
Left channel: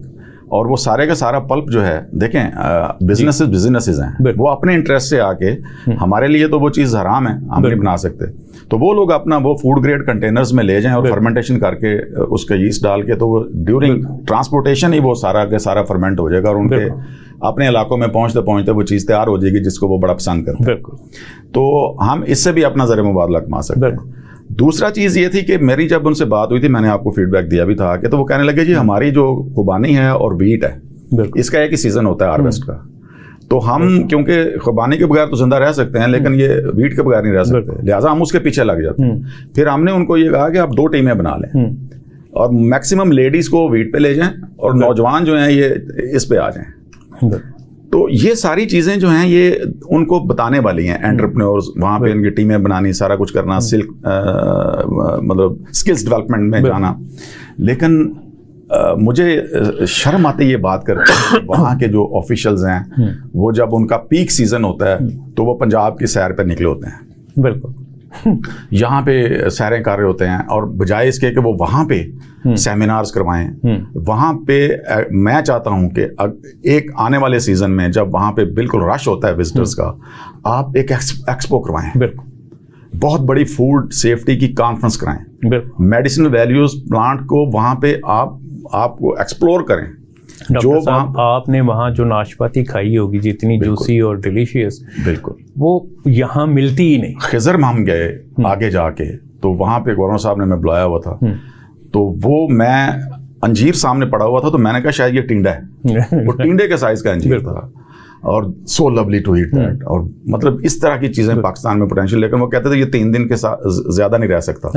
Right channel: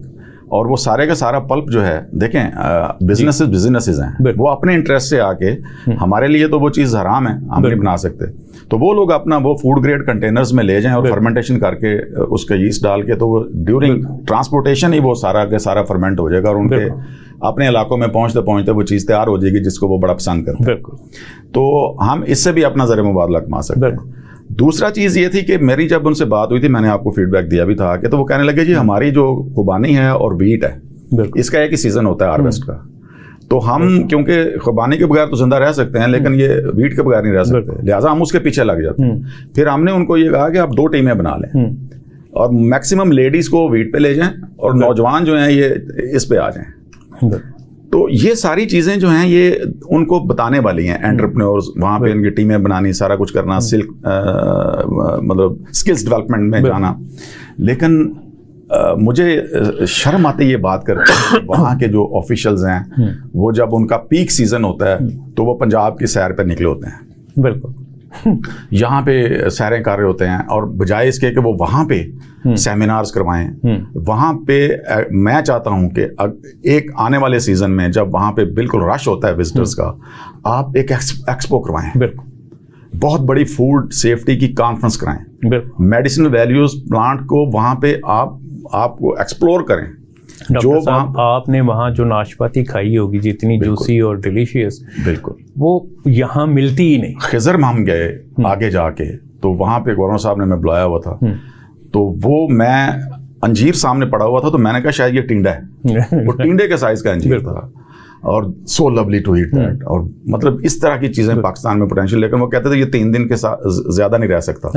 और वो सारे का सारा पल्प जो है, देखें बिजनेसेस हैं, वो अपने इंटरेस्ट से आके, हमारे लिए तो वो चीज़ हराम है, हम नहीं बना सकते, तो वो लोग अपना वो फूड ग्रेड कंटेनर्स में ले जाएं और फर्मेंटेशन करके उसका यीस्ट डाल के, तो वो ड्यूरिंग ट्रांसपोर्टेशन ही वो सारा का सारा फर्मेंट हो जाएगा और उनके अपने इलाकों में पहुँचते पहुँचते वो चीज़ तैयार हो जाएगी जिसको वो बड़ा पसंद करते हैं। तो हम इससे भी अपना ज़र मुबादला कमा सकते हैं। दूसरा चीज़ ये थी कि मेरी जब उनसे बात हुई थी, मैंने आपको फीडबैक दिया भी था कि, तो वो कहने लगे जी हमारी जो खुबानी है और वीट है, इसका एक ही सीज़न होता है हार्वेस्ट का, तो हम क्योंकि खुबानी के बगैर तो जिंदा रह सकते हैं लेकिन ये वीट के बगैर नहीं रह सकते, लिहाजा हम उसके पीछे लग जाते हैं। फिर हमने उनको ये कहा कि आप 2 टीमें बना लें और मैक्सिमम लेडीज़ को वीट पे ले जाएं और नौजवान जो हैं ये इस पे आ जाएं। तो ये सारी चीज़ें जो हैं ये उनको बताने वाली हैं एंटरप्रेन्योर्स, वहाँ पे इनकी टीमें बनानी, सारा कुछ करना, सिल्क मतलब स्किल्स डेवलपमेंट में जाना। लेकिन मुझे शर्म आती ये बात करके, वहाँ के जो ऑफिशियल्स हैं वो जब उनका पीक सीज़न होता है तो वो पंजाब की सैर पर निकले होते हैं। बिल्कुल यहाँ पे सैरें कर रहे होते हैं, और बजाय इसके कि वो वहाँ पे सेमिनार्स करवाएं, वहाँ पे मैं चाहता हूँ कि एक आने वाले सीज़न में जब वहाँ पे बिल्कुल रश होता है विजिटर्स का, आप एक एक्सपो करवाएं, बहुत बड़ी फूड सेफ्टी की कॉन्फ्रेंस कराएं, मेडिसिनल वैल्यूज प्लांट को वहाँ पे आपको एक्सप्लोर करें। जो आपने वहाँ जो नाशपाती खाई होगी जितनी जूसी और डिलीशियस, बिल्कुल वो यहाँ मिलती ही नहीं। खिजर में हम गए आगे जाके, तो वहाँ पे गवर्नर साहब ने मैं बुलाया हुआ था, तो वो मैं अंजीर सामने पड़ा हुआ था, तो मैंने कहा शायद ये टिंडा है वो टिंडे के साइज का अंजीर था, और so lovely to eat that, और मतलब इस तरह की चीज़ें पाकिस्तान में पोटेंशियल, लेकिन वो कहते थे ये 3 दिन के ज़्यादा नहीं रह सकता।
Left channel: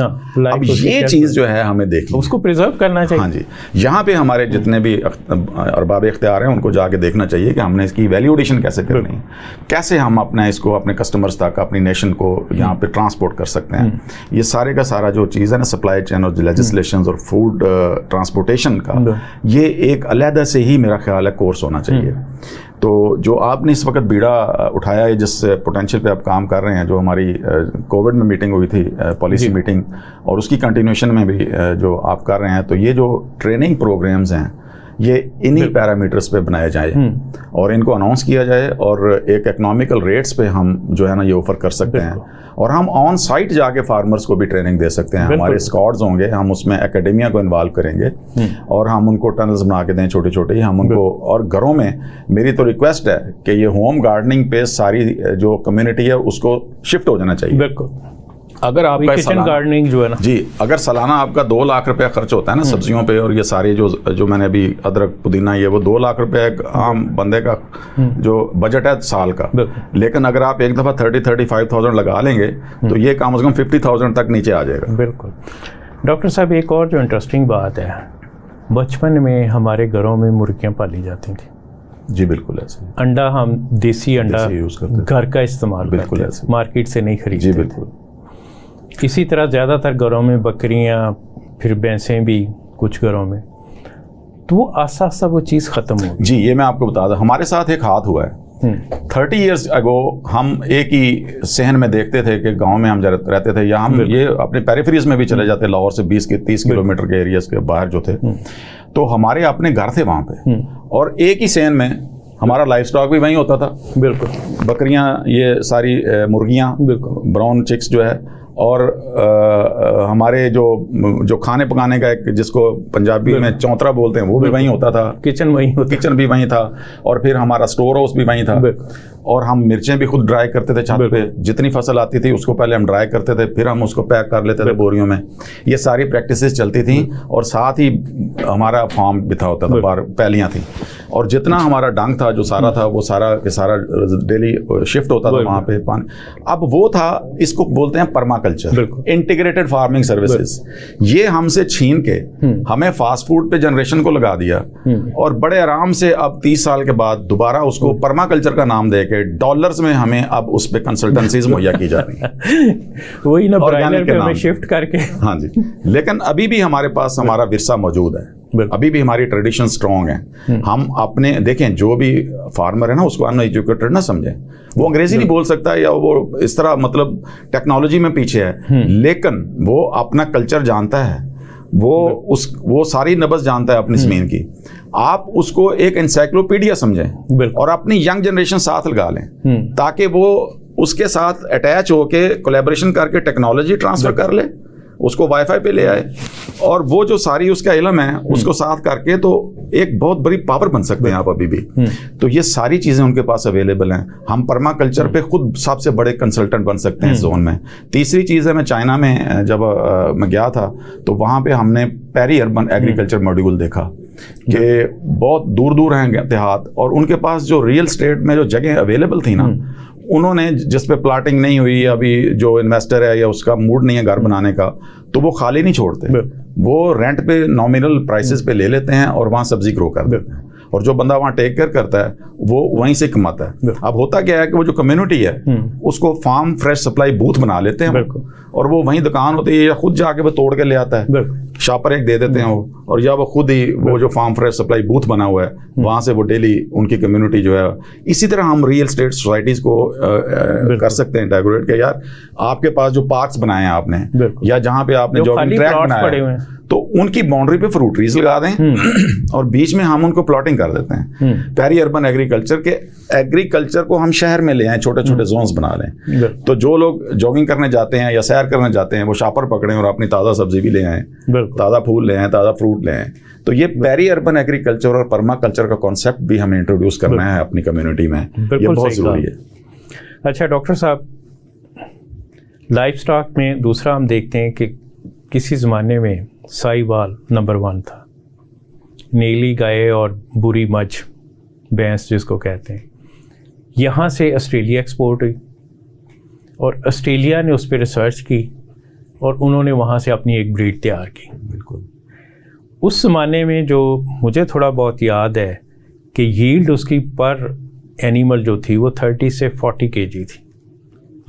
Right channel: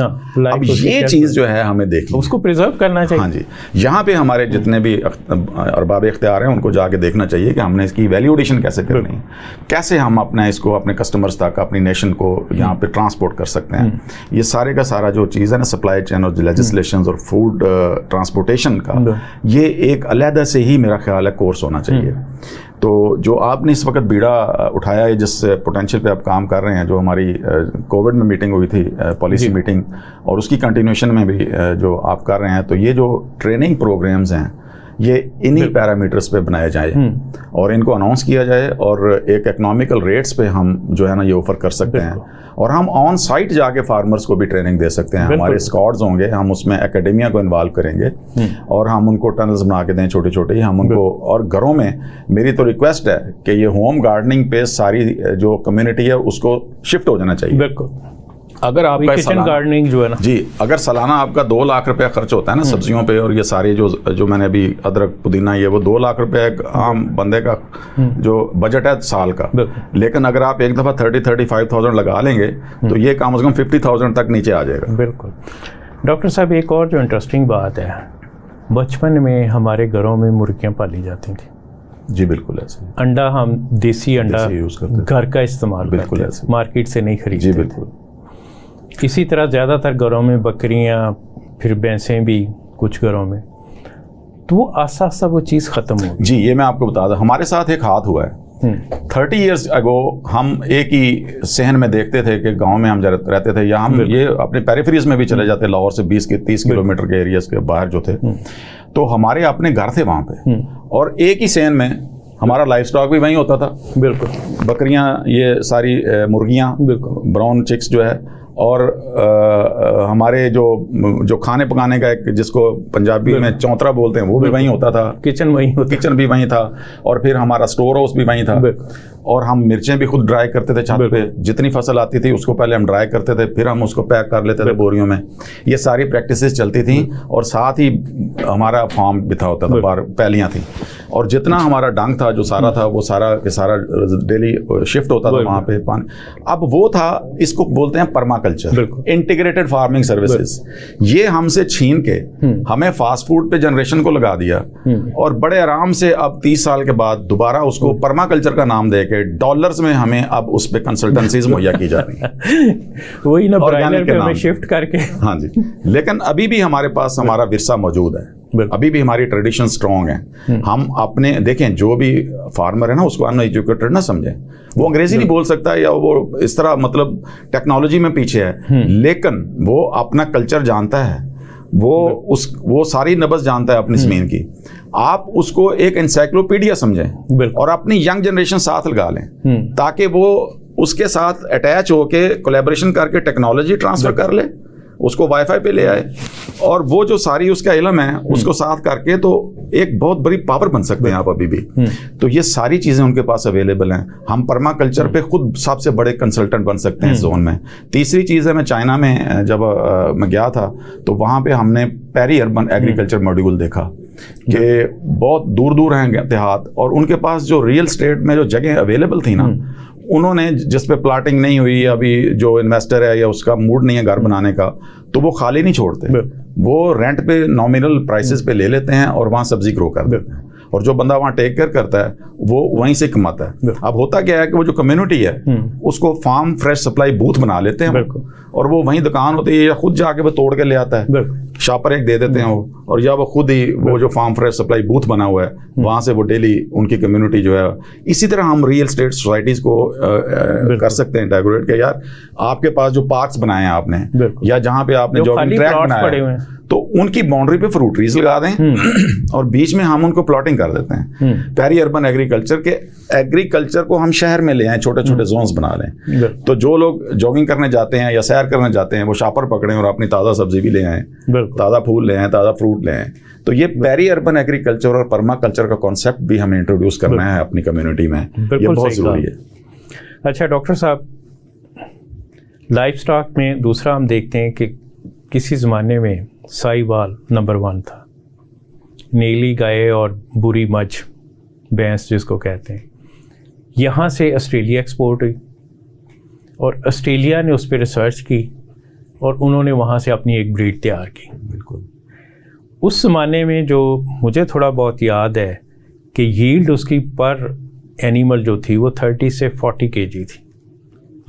अब ये चीज़ जो है हमें देखनी, उसको प्रिजर्व करना चाहिए। हाँ जी, यहाँ पे हमारे जितने भी अरबाब इख्तियार हैं उनको जाके देखना चाहिए कि हमने इसकी वैल्यू एडिशन कैसे करनी है, कैसे हम अपना इसको अपने कस्टमर्स तक, अपनी नेशन को यहाँ पे ट्रांसपोर्ट कर सकते हैं। ये सारे का सारा जो चीज़ है ना, सप्लाई चेन और लेजिस्लेशन और फूड ट्रांसपोर्टेशन का, ये एक अलहदा से ही मेरा ख्याल है कोर्स होना चाहिए। तो जो आपने इस वक्त बीड़ा उठाया है, जिस पोटेंशियल पे आप काम कर रहे हैं, जो हमारी कोविड में मीटिंग हुई थी, पॉलिसी मीटिंग, और उसकी कंटिन्यूशन में भी जो आप कर रहे हैं, तो ये जो ट्रेनिंग प्रोग्राम्स हैं ये इन्हीं पैरामीटर्स पे बनाए जाए और इनको अनाउंस किया जाए, और एक इकोनॉमिकल रेट्स पे हम जो है ना ये ऑफर कर सकते हैं, और हम ऑन साइट जाके फार्मर्स को भी ट्रेनिंग दे सकते हैं। हमारे स्क्वाड्स होंगे, हम उसमें एकेडमिया को इन्वॉल्व करेंगे और हम उनको टनल्स बना के दें छोटे छोटे, हम उनको, और घरों में मेरी तो रिक्वेस्ट है कि ये होम गार्डनिंग पे सारी जो कम्युनिटी है उसको शिफ्ट हो जाना चाहिए। बिल्कुल, अगर आपका किचन गार्डनिंग जो है ना जी, अगर सालाना आपका 2 लाख रुपया खर्च होता है ना सब्जियों पे, और ये सारे जो मैंने अभी अदरक पुदीना, ये वो 2 लाख रुपया एक आम बंदे का जो बजट है साल का, लेकिन अगर आप एक दफ़ा 30-35,000 लगा लेंगे तो ये कम से कम 50,000 तक नीचे आ जाएगा। बिल्कुल। डॉक्टर साहब, एक और जो इंटरेस्टिंग बात है, बचपन में हमारे घरों में मुर्गियाँ पाली जाती थी। जी बिल्कुल ऐसे। अंडा हम देसी अंडा यूज़ करते घर का इस्तेमाल बिल्कुल करते ऐसे, मार्केट से नहीं खरीदते। जी बिल्कुल। इसी तरह ज़्यादातर घरों में बकरियाँ, फिर भैंसें भी कुछ घरों में, तो वो आस्ता आस्ता वो चीज़ ख़त्म हो गई। जी, ये मैं आपको बता दूं, हमारे साथ एक हाथ हुआ है। 30 ईयर्स अगो हम एक ही सहन में देखते थे कि गांव में हम जब रहते थे, या हम ये अपने पेरिफेरीज में भी चले जाते, लाहौर से 20-30 किलोमीटर के एरियाज के बाहर जो थे, तो हमारे अपने घर थे वहाँ पे, और एक ही सहन में हमारा लाइफ स्टॉक भी वहीं होता था। बिल्कुल, बकरियां, ये सारी मुर्गियां, ब्राउन चिक्स जो है, और हमारे जो खाने पकाने का एक, जिसको पंजाबी में चौंतरा बोलते हैं, वो भी वहीं होता था। किचन भी वहीं था, और फिर हमारा स्टोर हाउस भी वहीं था, और हम मिर्चें भी खुद ड्राई करते थे छत पे। जितनी फसल आती थी उसको पहले हम ड्राई करते थे, फिर हम उसको पैक कर लेते थे बोरियों में। ये सारी प्रैक्टिसेस चलती थी, और साथ ही हमारा फार्म भी था, होता था, बाहर पैलियाँ थी, और जितना हमारा डंग था, जो सारा था, वो सारा के सारा डेली शिफ्ट होता था वहाँ पे पानी। अब वो था, इसको बोलते हैं परमाकल्चर, इंटीग्रेटेड फार्मिंग सर्विसेज। ये हमसे छीन के हमें फास्ट फूड पे जनरेशन को लगा दिया, और बड़े आराम से अब 30 साल के बाद दोबारा उसको परमाकल्चर का नाम देके डॉलर्स में हमें अब उस पे कंसल्टेंसीज मुहैया की जा रही है। वही ना, ब्रायलर पे हमें शिफ्ट करके। हाँ जी, लेकिन अभी भी हमारे पास हमारा विरसा मौजूद है, अभी भी हमारी ट्रेडिशन स्ट्रॉन्ग है। हम अपने देखें, जो भी फार्मर है ना, उसको अनएजुकेटेड ना समझें, वो अंग्रेजी नहीं बोल सकता, या वो इस तरह मतलब टेक्नोलॉजी में पीछे है, लेकिन वो अपना कल्चर जानता है, वो सारी नब्ज़ जानता है अपनी ज़मीन की। आप उसको एक एनसाइक्लोपीडिया समझें, और अपनी यंग जनरेशन साथ लगा लें, ताकि वो उसके साथ अटैच होके कोलैबोरेशन करके टेक्नोलॉजी ट्रांसफर कर ले, उसको वाईफाई पे ले आए, और वो जो सारी उसका इल्म है उसको साथ करके तो एक बहुत बड़ी पावर बन सकते हैं आप अभी भी। तो ये सारी चीज़ें उनके पास अवेलेबल हैं। हम पर्माकल्चर पे खुद सबसे बड़े कंसल्टेंट बन सकते हैं इस जोन में। तीसरी चीज़ है, मैं चाइना में जब मैं गया था, तो वहाँ पे हमने पेरी अर्बन एग्रीकल्चर मॉड्यूल देखा कि बहुत दूर दूर हैं देहात, और उनके पास जो रियल स्टेट में जो जगह अवेलेबल थी ना, उन्होंने जिस पे प्लाटिंग नहीं हुई, अभी जो इन्वेस्टर है या उसका मूड नहीं है घर बनाने का, तो वो खाली नहीं छोड़ते, वो रेंट पे नॉमिनल प्राइसेस पे ले लेते हैं और वहाँ सब्जी ग्रो कर देते हैं, और जो बंदा वहाँ टेक केयर करता है वो वहीं से कमाता है। अब होता क्या है कि वो जो कम्युनिटी है उसको फार्म फ्रेश सप्लाई बूथ बना लेते हैं, और वो वहीं दुकान होती है, या खुद जाके वो तोड़ के ले आता है, शॉपर एक दे देते हैं वो, और या वो खुद ही वो जो फार्म फ्रेश सप्लाई बूथ बना हुआ है वहाँ से वो डेली उनकी कम्युनिटी जो है। इसी तरह हम रियल स्टेट सोसाइटीज को कर सकते हैं डेकोरेट के, यार आपके पास जो पार्क्स बनाए हैं आपने, या जहाँ पे आपने जॉगिंग ट्रैक बनाया है, तो उनकी बाउंड्री पे फ्रूट ट्रीज लगा दें, और बीच में हम उनको प्लॉटिंग कर देते हैं। पेरी अर्बन एग्रीकल्चर के एग्रीकल्चर को हम शहर में ले आए, छोटे छोटे जोन्स बना लें, तो जो लोग जॉगिंग करने जाते हैं या सैर करने जाते हैं वो शॉपर पकड़ें और अपनी ताज़ा सब्जी भी ले आएँ, ताज़ा फूल ले आएँ, ताज़ा फ्रूट ले आएँ। तो ये पेरी अर्बन एग्रीकल्चर और पर्माकल्चर का कॉन्सेप्ट भी हमें इंट्रोड्यूस करना है अपनी कम्युनिटी में, ये बहुत ज़रूरी है। अच्छा डॉक्टर साहब, लाइफ स्टॉक में दूसरा हम देखते हैं कि किसी ज़माने में साहिवाल नंबर 1 था, नीली गाय और बुरी मझ भैंस जिसको कहते हैं, यहाँ से ऑस्ट्रेलिया एक्सपोर्ट हुई, और ऑस्ट्रेलिया ने उस पर रिसर्च की और उन्होंने वहाँ से अपनी एक ब्रीड तैयार की। बिल्कुल। उस ज़माने में जो मुझे थोड़ा बहुत याद है कि यील्ड उसकी पर एनिमल जो थी वो 30 से 40 kg थी।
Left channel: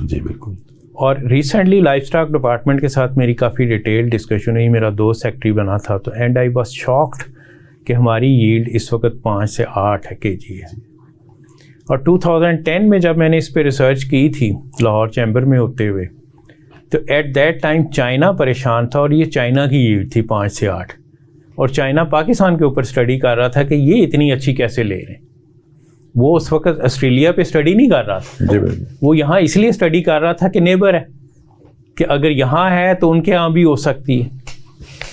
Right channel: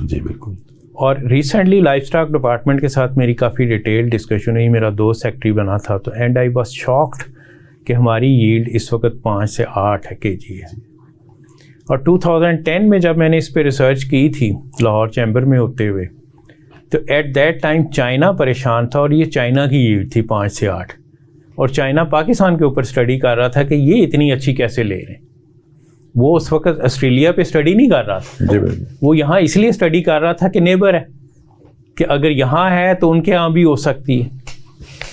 जी बिल्कुल। और रिसेंटली लाइफ स्टॉक डिपार्टमेंट के साथ मेरी काफ़ी डिटेल डिस्कशन हुई, मेरा दोस्त सेक्रेटरी बना था, तो एंड आई वाज शॉक्ड कि हमारी यील्ड इस वक्त 5 से 8 kg है। और 2010 में जब मैंने इस पे रिसर्च की थी लाहौर चैम्बर में होते हुए, तो एट दैट टाइम चाइना परेशान था, और ये चाइना की यील्ड थी 5 से 8, और चाइना पाकिस्तान के ऊपर स्टडी कर रहा था कि ये इतनी अच्छी कैसे ले रहे हैं। वो उस वक्त ऑस्ट्रेलिया पे स्टडी नहीं कर रहा था, वो यहाँ इसलिए स्टडी कर रहा था कि नेबर है, कि अगर यहाँ है तो उनके यहाँ भी हो सकती है।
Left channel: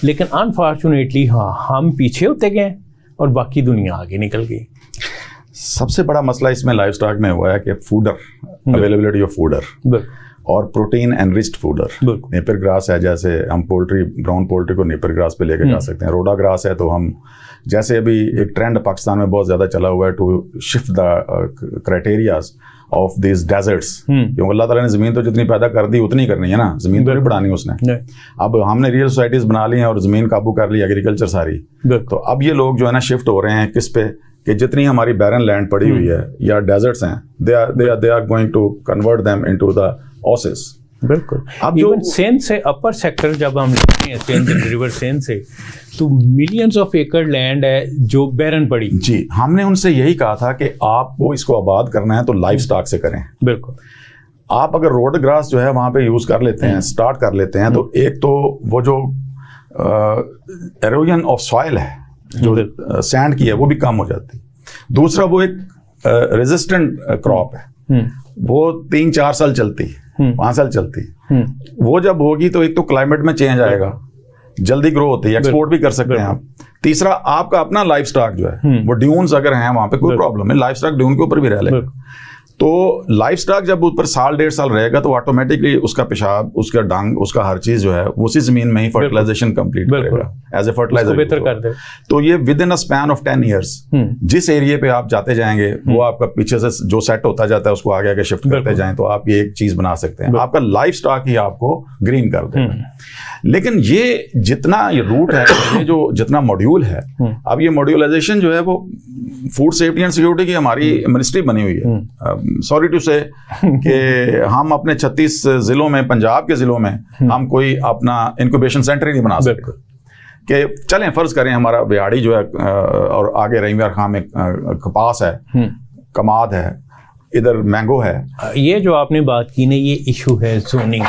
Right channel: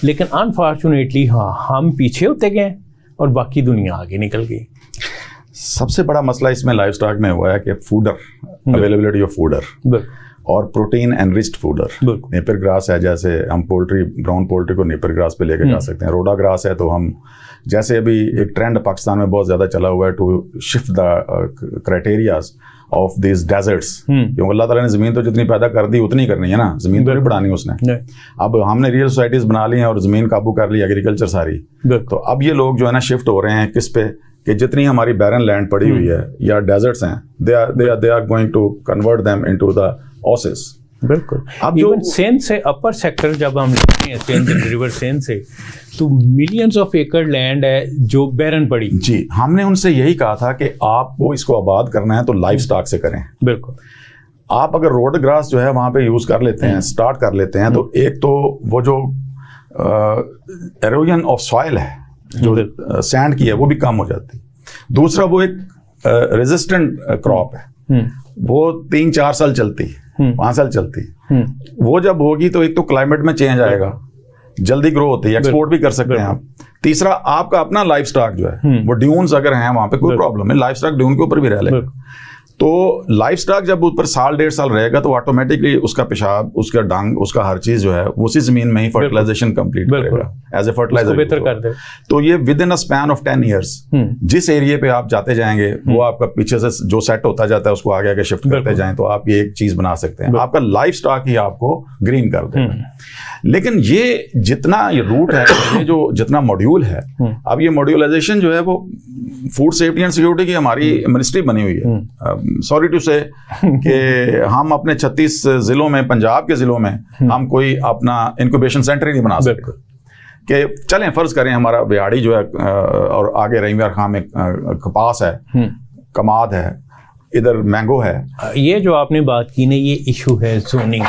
लेकिन अनफॉर्चुनेटली हाँ, हम पीछे होते गए और बाकी दुनिया आगे निकल गई। सबसे बड़ा मसला इसमें लाइफ स्टॉक में हुआ है कि फूडर, अवेलेबिलिटी ऑफ फूडर, और protein enriched fodder. Napier grass है, जैसे हम पोल्ट्री, ब्राउन पोल्ट्री को नेपियर ग्रास पे लेके जा सकते हैं। रोडा ग्रास है, तो हम जैसे अभी एक ट्रेंड पाकिस्तान में बहुत ज़्यादा चला हुआ है to shift the criterias of this deserts, क्योंकि अल्लाह ताला ने ज़मीन तो जितनी पैदा कर दी उतनी करनी है ना, ज़मीन तो नहीं बढ़ानी उसने। अब हमने रियल सोसाइटीज़ बना ली हैं और ज़मीन काबू कर ली, एग्रीकल्चर सारी। तो अब ये लोग जो है ना शिफ्ट हो रहे हैं किस पे, कि जितनी हमारी बैरन लैंड पड़ी हुई है या डेजर्ट्स हैं, they are going to convert them into the oasis. बिल्कुल। अब जो सेंध से अपर सेक्टर जब हम लेते हैं, सेंध रिवर सेंध से, तो मिलियंस ऑफ एकड़ लैंड है जो बैरन पड़ी। जी, हमने उनसे यही कहा था कि आपको इसको आबाद करना है तो लाइफ स्टॉक से करें। बिल्कुल। आप अगर रोड ग्रास जो है वहाँ पे यूज़ कर लेते हैं, स्टार्ट कर लेते हैं, तो एक तो वो जो एरोजन ऑफ सॉइल है, जो सैंड की है, वो भी कम हो जाती। दूसरा, वो एक रेजिस्टेंट क्रॉप है, वो 3-4 साल चलती, 5 साल चलती। वो जब होगी तो एक तो क्लाइमेट में चेंज आएगा, जल्दी ग्रो होती है, एक्सपोर्ट भी कर सकते हैं आप। तीसरा, आपका अपना लाइफ स्टॉक जो है, वो ड्यून्स अगर हैं वहाँ पे, कोई प्रॉब्लम है, लाइफ स्टॉक ड्यून के ऊपर भी रह लेगा। तो लाइफ स्टॉक जब ऊपर 1.5 साल रहेगा तो ऑटोमेटिकली उसका पेशाब, उसका डंग, उसका हर चीज जो है उसी जमीन में ही फर्टिलाइजेशन कंप्लीट करेगा एज ए फर्टिलाइजर। तो ये with in a span of 10 years जिस एरिया पे आप जाते जाएंगे वो आपका पीछे से जो सेट होता जाता है उसको आगे आगे शिफ्ट करते जाएं, तो आप ये एक चीज बना सकते हैं, आपका लाइफ स्टॉक ही आपको ग्रीन कर देगा। लेकिन ये जितना ये रूट है, ये जो जितना मॉड्यूल है, अब ये मॉड्यूलाइजेशन जो है वो फूड सेफ्टी एंड सिक्योरिटी की हमारी मिनिस्ट्री बनी हुई है। सॉरी टू से कि हम अपने 36 जिलों में, पंजाब के जिलों में हम कोई अपना इंक्यूबेशन सेंटर ही नहीं बना सकते। कि चलें फर्ज करें हमारा बिहाड़ी जो है और आगे रहीमयार खां में कपास है, कमाद है, इधर मैंगो है। ये जो आपने बात की ना, ये इशू है जोनिंग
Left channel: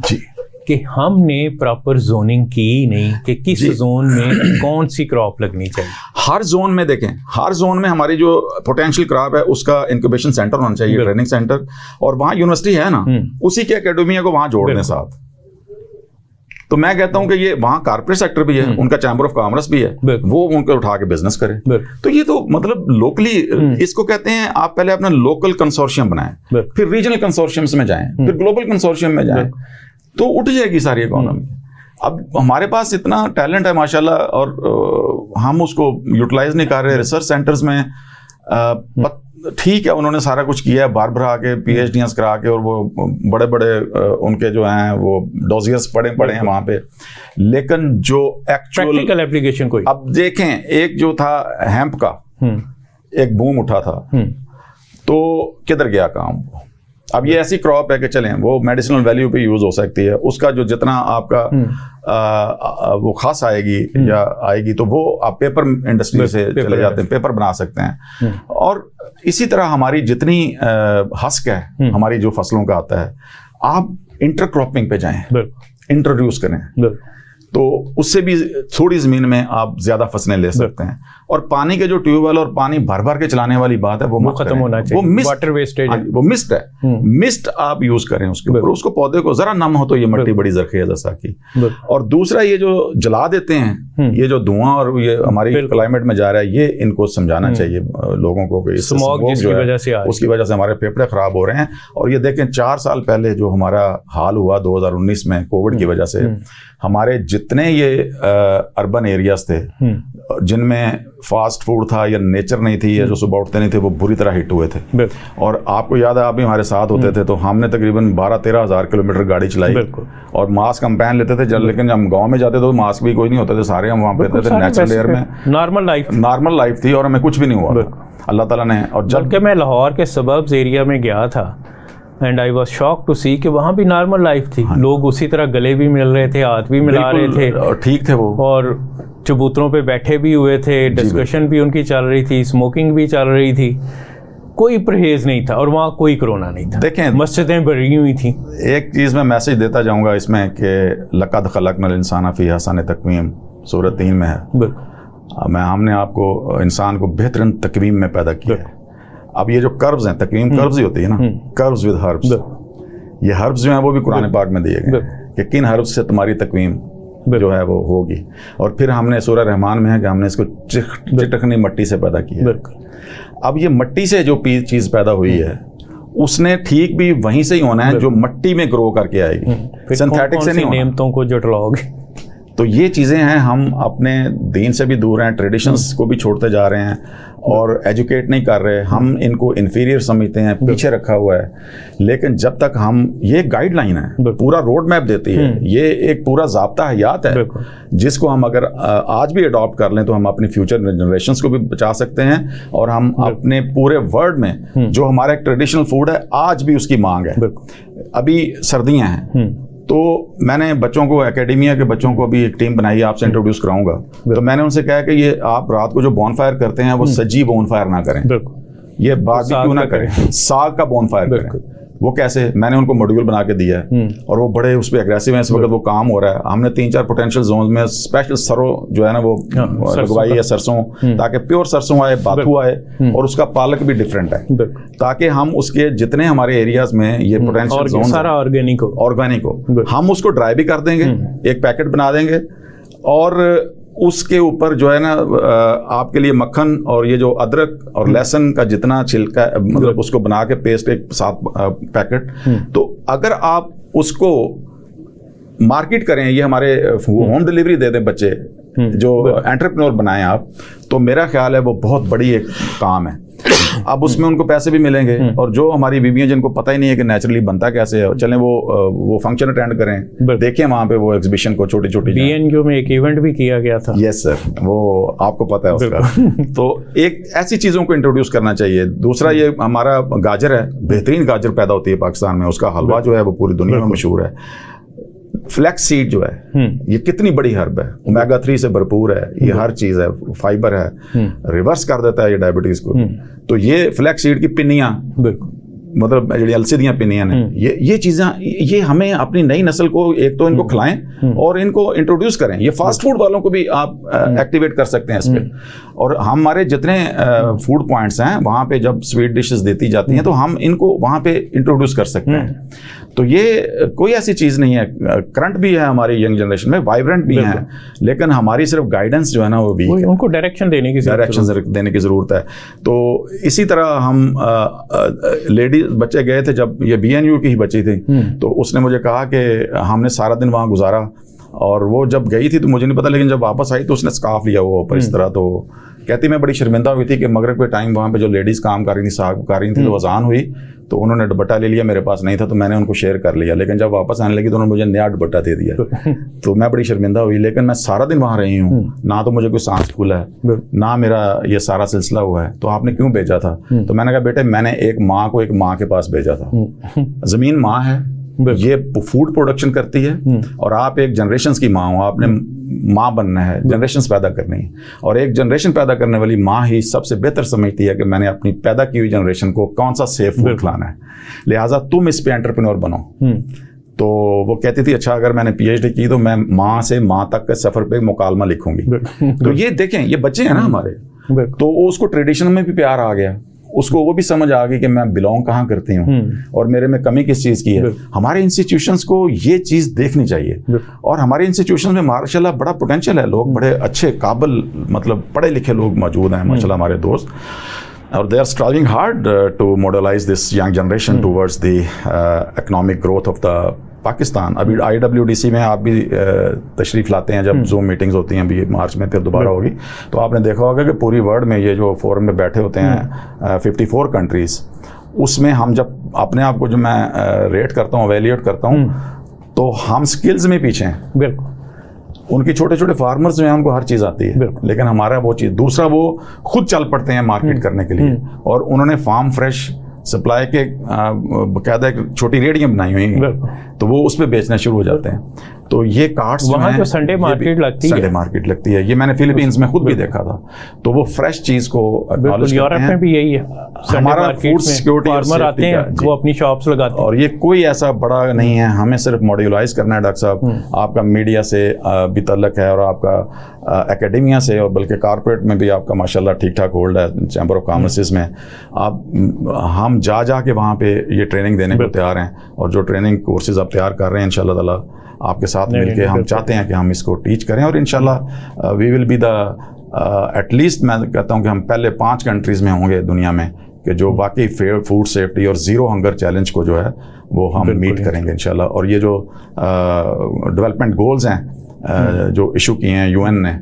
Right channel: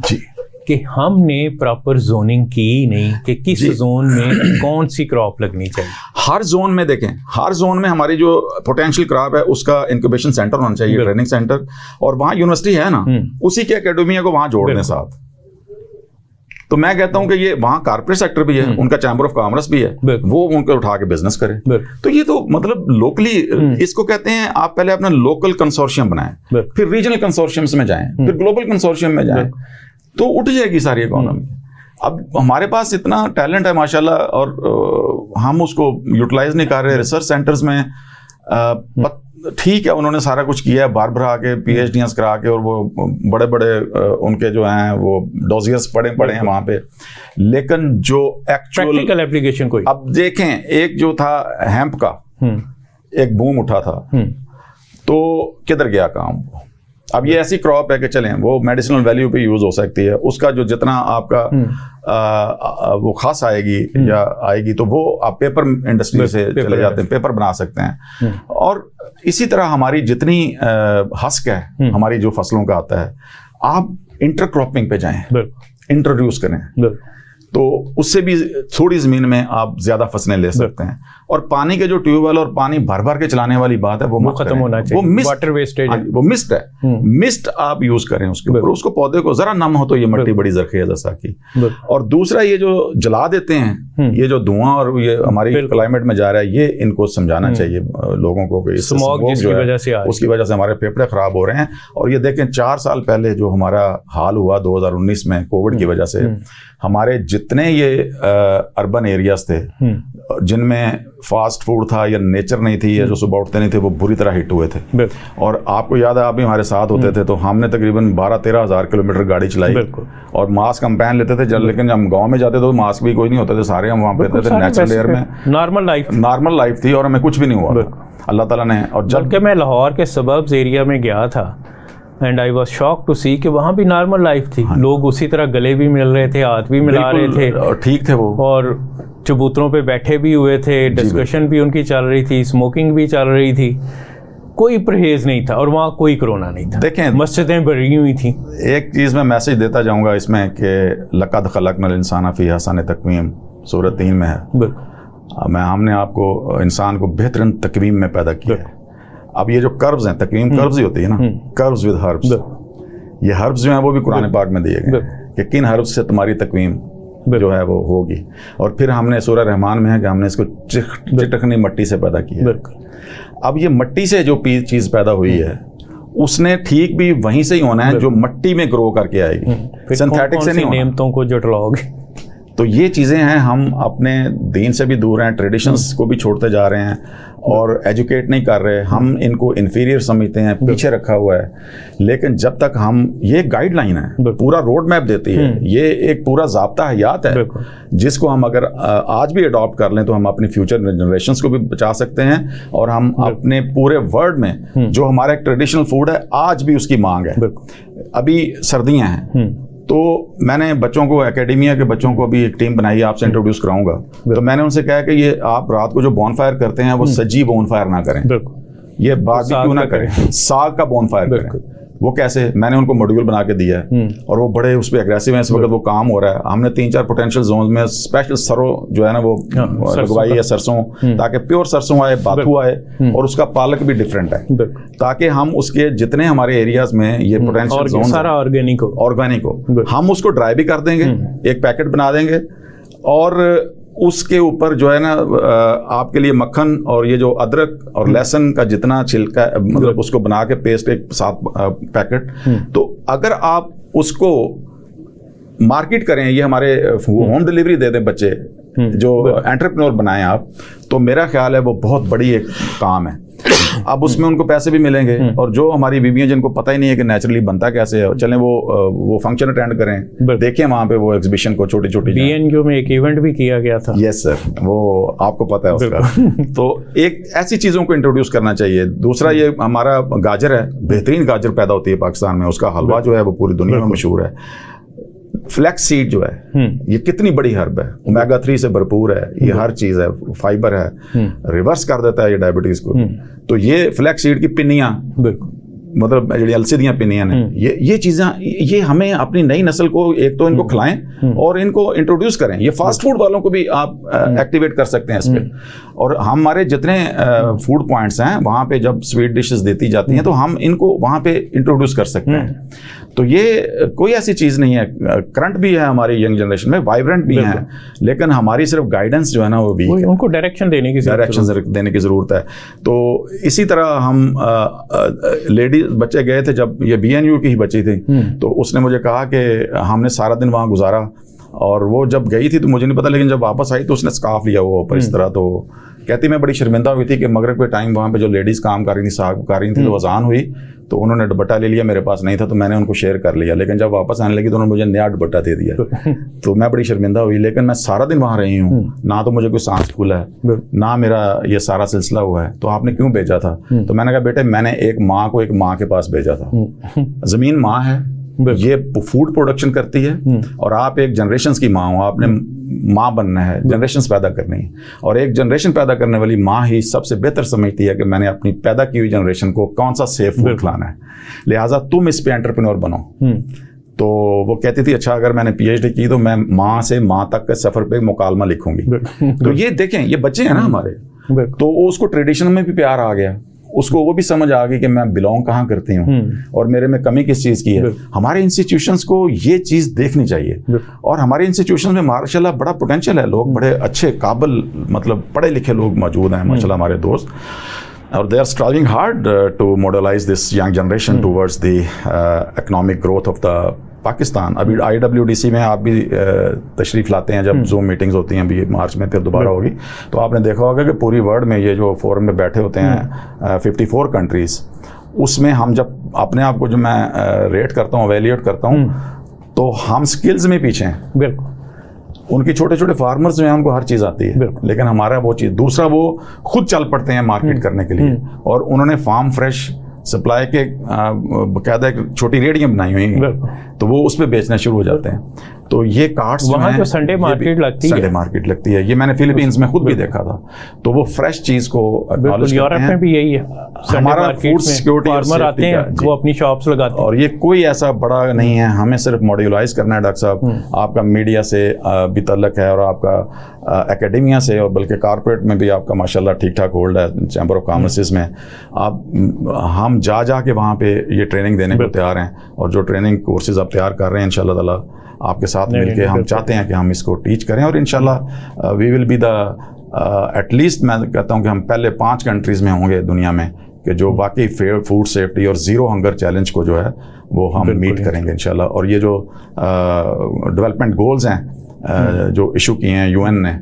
जी, कि हमने प्रॉपर जोनिंग की नहीं कि किस जोन में कौन सी क्रॉप लगनी चाहिए। हर जोन में देखें, हर जोन में हमारी जो पोटेंशियल क्रॉप है उसका इंक्यूबेशन सेंटर होना चाहिए, ट्रेनिंग सेंटर, और वहाँ यूनिवर्सिटी है ना, उसी के एकेडमिया को वहाँ जोड़ दें साथ। तो मैं कहता हूं कि ये वहाँ कारपोरेट सेक्टर भी है, उनका चैम्बर ऑफ कॉमर्स भी है, वो उनको उठा के बिजनेस करें। तो ये तो मतलब लोकली, इसको कहते हैं आप पहले अपना लोकल कंसोर्शियम बनाएं, फिर रीजनल कंसोर्शियम्स में जाएं, फिर ग्लोबल कंसोर्शियम में जाएं, तो उठ जाएगी सारी इकोनॉमी। अब हमारे पास इतना टैलेंट है माशाल्लाह, और हम उसको यूटिलाइज नहीं कर रहे। रिसर्च सेंटर्स में ठीक है, उन्होंने सारा कुछ किया है, बार बार के PhDs करा के, और वो बड़े बड़े उनके जो हैं वो डोजियर्स पड़े हैं वहाँ पे, लेकिन जो एक्चुअल प्रैक्टिकल एप्लीकेशन कोई। अब देखें, एक जो था हेम्प का एक बूम उठा था, तो किधर गया काम? अब ये ऐसी क्रॉप है कि चलें वो मेडिसिनल वैल्यू पे यूज हो सकती है, उसका जो जितना आपका वो खास आएगी या आएगी, तो वो आप पेपर इंडस्ट्री से चले जाते हैं, पेपर बना सकते हैं। और इसी तरह हमारी जितनी हस्क है हमारी जो फसलों का आता है, आप इंटरक्रॉपिंग पे जाएं, इंट्रोड्यूस करें, तो उससे भी थोड़ी ज़मीन में आप ज़्यादा फसलें ले सकते हैं। और पानी के जो ट्यूबवेल और पानी भर भर के चलाने वाली बात है वो खत्म होना चाहिए, वो वाटर वेस्टेज, वो मिस्ट है, मिस्ट आप यूज करें उसके ऊपर, उसको पौधे को जरा नम हो तो ये मिट्टी बड़ी जरखेज जैसा की। और दूसरा, ये जो जला देते हैं, ये जो धुआं और ये हमारी क्लाइमेट में जा रहा है, ये इनको समझाना चाहिए लोगों को कि स्मॉग जिसकी वजह से उसकी वजह से हमारे फेफड़े खराब हो रहे हैं। और ये देखें 4 साल पहले जो हमारा हाल हुआ 2019 में कोविड की वजह से, हमारे जितने ये अर्बन एरियाज थे जिनमें फास्ट फूड था या नेचर नहीं थी या जो सुबह उठते नहीं थे, वो बुरी तरह हिट हुए थे। और आपको याद है, आप भी हमारे साथ होते थे, तो हमने तकरीबन 12-13 हज़ार किलोमीटर गाड़ी चलाई और मास्क हम पहन लेते थे, लेकिन हम गांव में जाते थे तो मास्क भी कोई नहीं होता थे, सारे हम वहाँ पे थे, नेचुरल एयर में नॉर्मल लाइफ थी और हमें कुछ भी नहीं हुआ अल्लाह ताला ने। और जबकि मैं लाहौर के सबब्स एरिया में गया था and I was shocked to see कि वहाँ भी नॉर्मल लाइफ थी। लोग उसी तरह गले भी मिल रहे थे, हाथ भी मिला रहे थे, ठीक थे वो, और चबूतरों पे बैठे भी हुए थे, डिस्कशन भी उनकी चल रही थी, स्मोकिंग भी चल रही थी, कोई परहेज नहीं था, और वहाँ कोई कोरोना नहीं था। देखें, मस्जिदें भरी हुई थी। एक चीज़ मैं मैसेज देता जाऊँगा इसमें कि लक़द ख़लक़नल इंसान फ़ी अहसन तक़वीम, सूरत 3 में है। हमने आपको इंसान को बेहतरीन तक़वीम में पैदा किया है। अब ये जो कर्व्स हैं, तक़वीम कर्व्स ही होती है ना, कर्व्स विद हर्ब्स, ये हर्ब्स जो हैं वो भी कुरान पाक में दिए गए कि किन हर्ब्स से तुम्हारी तक़वीम जो है वो होगी। और फिर हमने सूरह रहमान में है कि हमने इसको चिटकनी मट्टी से पैदा किया। अब ये मट्टी से जो चीज़ पैदा हुई है उसने ठीक भी वहीं से ही होना है जो मट्टी में ग्रो करके आएगी, सिंथेटिक से नहीं होना। नियमों को जुटलाओगे। तो ये चीज़ें हैं, हम अपने दीन से भी दूर हैं, ट्रेडिशंस को भी छोड़ते जा रहे हैं और एजुकेट नहीं कर रहे। हम इनको इन्फीरियर समझते हैं, पीछे रखा हुआ है। लेकिन जब तक हम, ये गाइडलाइन है, पूरा रोड मैप देती है, ये एक पूरा ज़ाब्ता हयात है जिसको हम अगर आज भी अडॉप्ट कर लें तो हम अपनी फ्यूचर जनरेशन्स को भी बचा सकते हैं। और हम अपने पूरे वर्ल्ड में जो हमारा एक ट्रेडिशनल फूड है आज भी उसकी मांग है। अभी सर्दियाँ हैं तो मैंने बच्चों को, एकेडमिया के बच्चों को भी एक टीम बनाई है, आपसे इंट्रोड्यूस कराऊंगा। तो मैंने उनसे कहा कि ये आप रात को जो बॉनफायर करते हैं वो सज्जी बॉनफायर ना करें, ये बारबेक्यू ना करें, साग का बॉनफायर करें। वो कैसे, मैंने उनको मॉड्यूल बना के दिया है और वो बड़े उस पर एग्रेसिव हैं। इस वक्त वो काम हो रहा है। हमने 3-4 पोटेंशियल जोन में स्पेशल सरों जो है ना वो लगवाई है, सरसों, ताकि प्योर सरसों आए, बाथू आए और उसका पालक भी डिफरेंट है, ताकि हम उसके जितने हमारे एरियाज में ये पोटेंशियल जोन सारा ऑर्गेनिक हो, हम उसको ड्राई भी कर देंगे, एक पैकेट बना देंगे और उसके ऊपर जो है ना आपके लिए मक्खन और ये जो अदरक और लहसुन का जितना छिलका, मतलब उसको बना के पेस्ट एक 7 पैकेट। तो अगर आप उसको मार्केट करें, ये हमारे होम डिलीवरी दे दें बच्चे जो एंटरप्रेन्योर बनाएं आप, तो मेरा ख्याल है वो बहुत बड़ी एक काम है। अब उसमें उनको पैसे भी मिलेंगे और जो हमारी बीबियां जिनको पता ही नहीं है कि नेचुरली बनता कैसे है, चलें वो फंक्शन अटेंड करें, देखें वहाँ पे वो एग्जीबिशन को, छोटी छोटी। बीएनक्यू में एक इवेंट भी किया गया था। यस सर, वो आपको पता है उसका। तो एक ऐसी चीज़ों को इंट्रोड्यूस करना चाहिए। दूसरा, ये हमारा गाजर है, बेहतरीन गाजर पैदा होती है पाकिस्तान में, उसका हलवा जो है वो पूरी दुनिया में मशहूर है। फ्लैक्स सीड जो है ये कितनी बड़ी हर्ब है, ओमेगा 3 से भरपूर है, ये हर चीज है, फाइबर है, रिवर्स कर देता है ये डायबिटीज को। तो ये फ्लैक्स सीड की पिन्नियां, मतलब जो अलसीदियां पिन्नियां ने, ये चीजें, ये हमें अपनी नई नस्ल को एक तो इनको खिलाएं और इनको इंट्रोड्यूस करें। ये फास्ट फूड वालों को भी आप एक्टिवेट कर सकते हैं इस पे। और हमारे जितने फूड पॉइंट्स हैं वहाँ पे जब स्वीट डिशेस देती जाती हैं तो हम इनको वहाँ पे इंट्रोड्यूस कर सकते हैं। तो ये कोई ऐसी चीज़ नहीं है, करंट भी है हमारी यंग जनरेशन में, वाइब्रेंट भी हैं, लेकिन हमारी सिर्फ गाइडेंस जो है ना वो वीक है, उनको डायरेक्शन देने की ज़रूरत है। तो इसी तरह हम लेडीज बच्चे गए थे, जब ये बीएनयू की ही बच्ची थी, तो उसने मुझे कहा कि हमने सारा दिन वहाँ गुजारा और वो जब गई थी तो मुझे नहीं पता, लेकिन जब वापस आई तो उसने स्कार्फ लिया हुआ ऊपर इस तरह। तो कहती मैं बड़ी शर्मिंदा हुई थी कि मगरिब के टाइम वहाँ पे जो लेडीज़ काम कर रही थी, साग पका रही थी, तो अजान हुई तो उन्होंने दुपट्टा ले लिया, मेरे पास नहीं था तो मैंने उनको शेयर कर लिया, लेकिन जब वापस आने लगी तो उन्होंने मुझे नया दुपट्टा दे दिया। तो मैं बड़ी शर्मिंदा हुई, लेकिन मैं सारा दिन वहाँ रही हूँ, ना तो मुझे कोई सांस फूला है, ना मेरा ये सारा सिलसिला हुआ है, तो आपने क्यों भेजा था? तो मैंने कहा बेटे मैंने एक माँ को एक माँ के पास भेजा था, ज़मीन माँ है, ये फूड प्रोडक्शन करती है और आप एक जनरेशंस की माँ हो, आपने माँ बनना है, जनरेशंस पैदा करनी है, और एक जनरेशन पैदा करने वाली माँ ही सबसे बेहतर समझती है कि मैंने अपनी पैदा की हुई जनरेशन को कौन सा सेफ फूड खिलाना है, लिहाजा तुम इस पे एंटरप्रेन्योर बनो। तो वो कहती थी अच्छा अगर मैंने पीएचडी की तो मैं माँ से माँ तक के सफ़र पे मुकालमा लिखूंगी। तो ये देखें, ये बच्चे हैं ना हमारे, तो उसको ट्रेडिशन में भी प्यार आ गया, उसको वो भी समझ आ गई कि मैं बिलोंग कहाँ करती हूँ और मेरे में कमी किस चीज़ की है। हमारे इंस्टीट्यूशंस को ये चीज़ देखनी चाहिए और हमारे इंस्टीट्यूशन में माशाल्लाह बड़ा पोटेंशियल है, लोग बड़े अच्छे काबिल, मतलब पढ़े लिखे लोग मौजूद हैं माशाल्लाह हमारे दोस्त, और they are striving hard to mobilise this young generation towards the economic growth of the Pakistan. अभी IWDC में आप भी तशरीफ़ लाते हैं जब जूम मीटिंग्स होती हैं, अभी मार्च में फिर दोबारा होगी, तो आपने देखा होगा कि पूरी वर्ल्ड में ये जो फोरम में बैठे होते हैं 54 कंट्रीज़, उसमें हम जब अपने आप को जो मैं रेट करता हूँ, वैल्यूएट करता हूँ, तो हम स्किल्स में पीछे हैं। बिल्कुल, उनकी छोटे छोटे फार्मर्स जो हैं उनको हर चीज़ आती है, लेकिन हमारा वो चीज़, दूसरा वो खुद चल पड़ते हैं मार्केट करने के लिए, और उन्होंने फार्म फ्रेश सप्लाई के बकायदा एक छोटी रेडियाँ बनाई हुई हैं, तो वो उस पर बेचना शुरू हो जाते हैं। तो ये कार्ड्स वहाँ जो संडे मार्केट लगती है, संडे मार्केट लगती है, ये मैंने फिलीपींस में खुद भी देखा था। तो वो फ्रेश चीज़ को एक्नॉलेज करते हैं। यूरोप में भी यही है, हमारा फूड सिक्योरिटी फार्मर आते हैं, वो अपनी शॉप्स लगाते हैं, और ये कोई ऐसा बड़ा नहीं है, हमें सिर्फ मॉड्यूलाइज करना है। डॉक्टर साहब आपका मीडिया से भी तल्लक है और आपका एकेडमिया से, और बल्कि कारपोरेट में भी आपका माशाल्लाह ठीक ठाक होल्ड है, चैम्बर ऑफ कॉमर्स में आप, हम जा के वहाँ पे ये ट्रेनिंग देने को तैयार हैं, और जो ट्रेनिंग कोर्सेज आप तैयार कर रहे हैं इंशाल्लाह ताला आपके साथ मिलके हम चाहते हैं कि हम इसको टीच करें, और इंशाल्लाह we will be the at least, मैं कहता हूँ कि हम पहले 5 कंट्रीज़ में होंगे दुनिया में कि जो वाकई फूड सेफ्टी और ज़ीरो हंगर चैलेंज को जो है वो हम मीट करेंगे इंशाल्लाह। और ये जो डेवलपमेंट गोल्स हैं जो इशू किए हैं यूएन ने,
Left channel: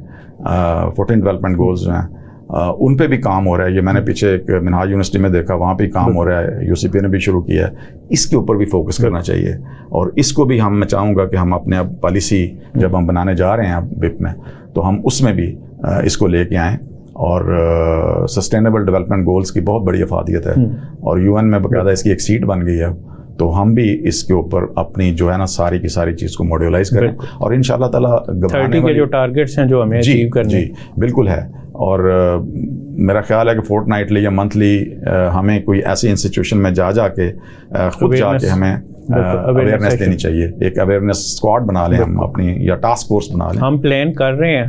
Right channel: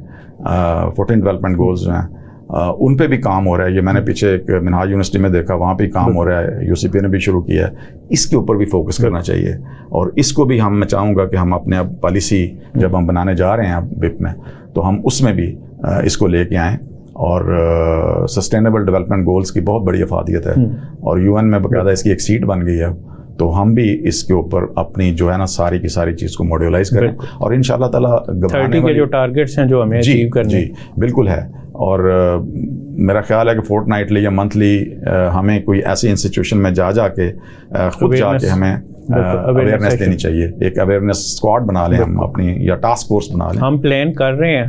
14 डेवलपमेंट गोल्स जो हैं उन पे भी काम हो रहा है। ये मैंने पीछे एक मिनहाज यूनिवर्सिटी में देखा, वहाँ पे काम हो रहा है, यूसीपी ने भी शुरू किया है। इसके ऊपर भी फोकस करना चाहिए और इसको भी मैं चाहूँगा कि हम अपने अब पॉलिसी जब हम बनाने जा रहे हैं अब बिप में, तो हम उसमें भी इसको लेके आएँ। और सस्टेनेबल डेवलपमेंट गोल्स की बहुत बड़ी अफादियत है और यूएन में बाकायदा इसकी एक सीट बन गई है, तो हम भी इसके ऊपर अपनी जो है ना सारी की सारी चीज़ को मॉड्यूलाइज करें और इंशाल्लाह ताला 30 के जो टारगेट्स हैं जो हमें अचीव करने। जी बिल्कुल है। और मेरा ख्याल है कि फोर्टनाइटली या मंथली हमें कोई ऐसी इंस्टीट्यूशन में जाके खुद जाके हमें अवेयरनेस देनी चाहिए। एक अवेयरनेस स्क्वाड बना लें हम अपनी, या टास्क फोर्स बना लें। हम प्लान कर रहे हैं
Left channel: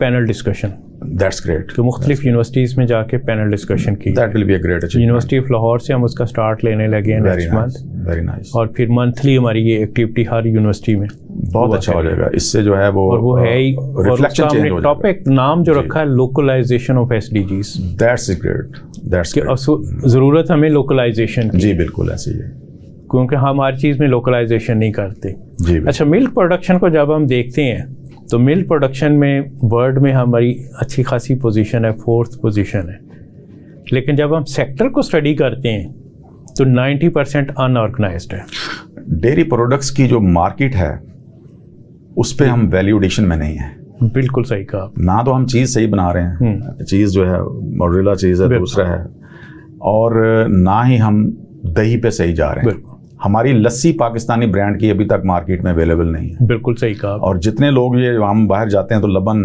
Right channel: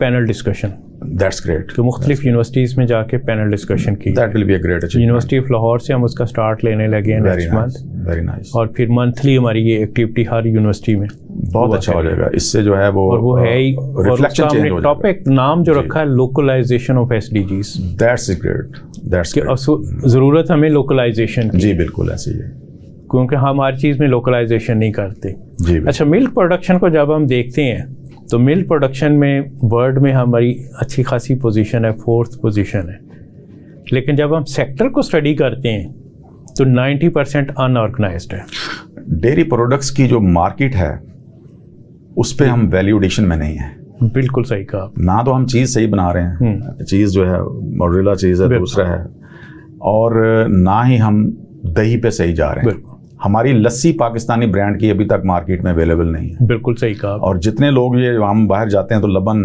पैनल डिस्कशन। That's great. तो मुख्तलिफ यूनिवर्सिटीज़ में जाके पैनल डिस्कशन की। That will be a great achievement. University of Lahore से हम उसका स्टार्ट लेने लगे हैं नेक्स्ट मंथ। Very nice. और फिर मंथली हमारी ये एक्टिविटी हर यूनिवर्सिटी में बहुत अच्छा हो जाएगा। इससे जो है वो है ही रिफ्लेक्शन चेंज हो जाएगा। टॉपिक नाम जो रखा है localisation of SDGs. That's great. That's great. ज़रूरत हमें लोकलाइजेशन की। जी बिल्कुल ऐसे ही है, क्योंकि हम हर चीज़ में लोकलाइजेशन नहीं करते। जी। अच्छा, मिल्क प्रोडक्शन को जब हम देखते हैं तो मिल्क प्रोडक्शन में वर्ल्ड में हमारी अच्छी खासी पोजीशन है, 4th पोजीशन है। लेकिन जब हम सेक्टर को स्टडी करते हैं तो 90% अनऑर्गेनाइज्ड है। डेयरी प्रोडक्ट्स की जो मार्केट है उस पे हम वैल्यू एडिशन में नहीं है। बिल्कुल सही कहा। ना तो हम चीज़ सही बना रहे हैं, चीज़ जो है मोरेला चीज़ है, दूसरा है, और ना ही हम दही पे सही जा रहे हैं। हमारी लस्सी पाकिस्तानी ब्रांड की अभी तक मार्केट में अवेलेबल नहीं है। बिल्कुल सही कहा। और जितने लोग ये हम बाहर जाते हैं तो लबन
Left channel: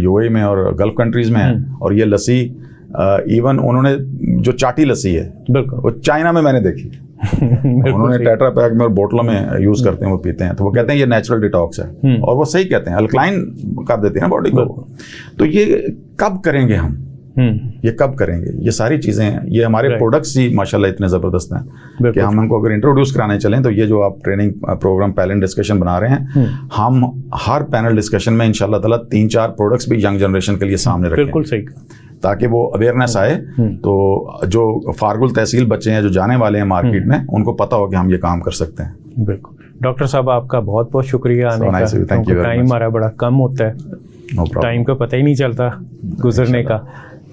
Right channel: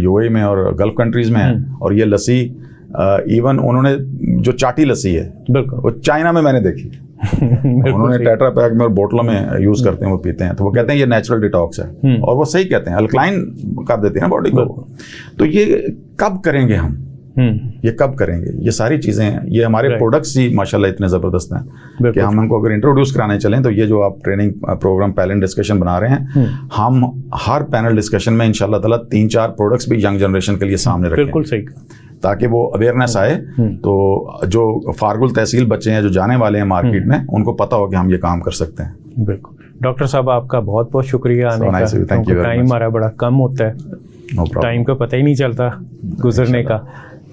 यूएई में और गल्फ कंट्रीज में है, और ये लस्सी इवन उन्होंने जो चाटी लस्सी है वो चाइना में मैंने देखी। उन्होंने टेट्रा पैक में और बोतलों में यूज करते हैं, वो पीते हैं, तो वो कहते हैं ये नेचुरल डिटॉक्स है, और वो सही कहते हैं, अल्कलाइन कर देते हैं ना बॉडी को। तो ये कब करेंगे हम, ये कब करेंगे? ये सारी चीज़ें, ये हमारे प्रोडक्ट्स ही माशाल्लाह इतने ज़बरदस्त हैं कि हम उनको अगर इंट्रोड्यूस कराने चलें तो ये जो आप ट्रेनिंग प्रोग्राम पैनल डिस्कशन बना रहे हैं, हम हर पैनल डिस्कशन में इंशाल्लाह ताला 3-4 प्रोडक्ट्स भी यंग जनरेशन के लिए सामने रखें। बिल्कुल सही। ताकि वो अवेयरनेस आए, तो जो फारगुल तहसील बच्चे हैं जो जाने वाले हैं मार्केट में, उनको पता हो कि हम ये काम कर सकते हैं। बिल्कुल। डॉक्टर साहब आपका बहुत बहुत शुक्रिया आने का। टाइम हमारा बड़ा कम होता है, टाइम का पता ही नहीं चलता गुजरने का,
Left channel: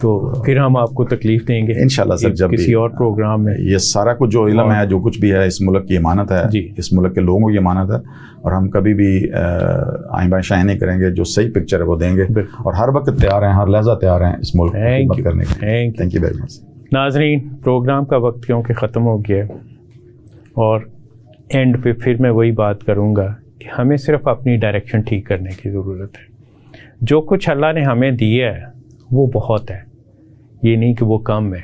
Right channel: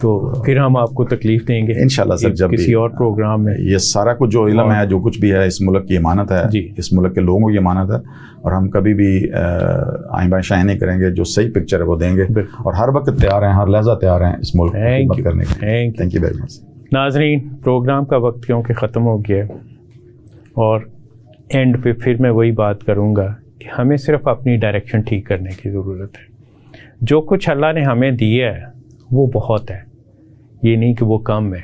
तो फिर हम आपको तकलीफ देंगे इंशाल्लाह सर जब किसी और प्रोग्राम में। ये सारा कुछ जो इल्म है, जो कुछ भी है, इस मुल्क की अमानत है, इस मुल्क के लोगों की अमानत है, और हम कभी भी आइन बाइन शाइन नहीं करेंगे। जो सही पिक्चर है वो देंगे, और हर वक्त तैयार हैं, हर लहजा तैयार हैं इस मुल्क की खिदमत करने के लिए। Thank you very much. नाज़रीन, प्रोग्राम का वक्त क्योंकि ख़त्म हो गया है, और एंड पे फिर मैं वही बात करूँगा कि हमें सिर्फ अपनी डायरेक्शन ठीक करने की ज़रूरत है। जो कुछ अल्लाह ने हमें दिया है वो बहुत है, ये नहीं कि वो कम है।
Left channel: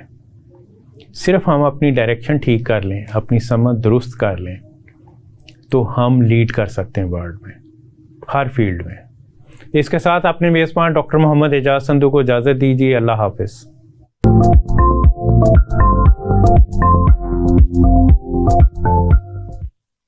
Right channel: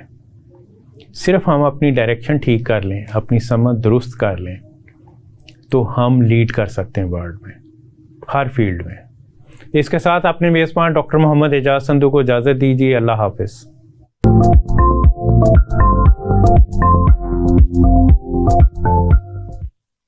सिर्फ हम अपनी डायरेक्शन ठीक कर लें, अपनी समझ दुरुस्त कर लें, तो हम लीड कर सकते हैं वर्ल्ड में, हर फील्ड में। इसके साथ अपने मेज़बान डॉक्टर मोहम्मद एजाज संधू को इजाज़त दीजिए। अल्लाह हाफ़िज़।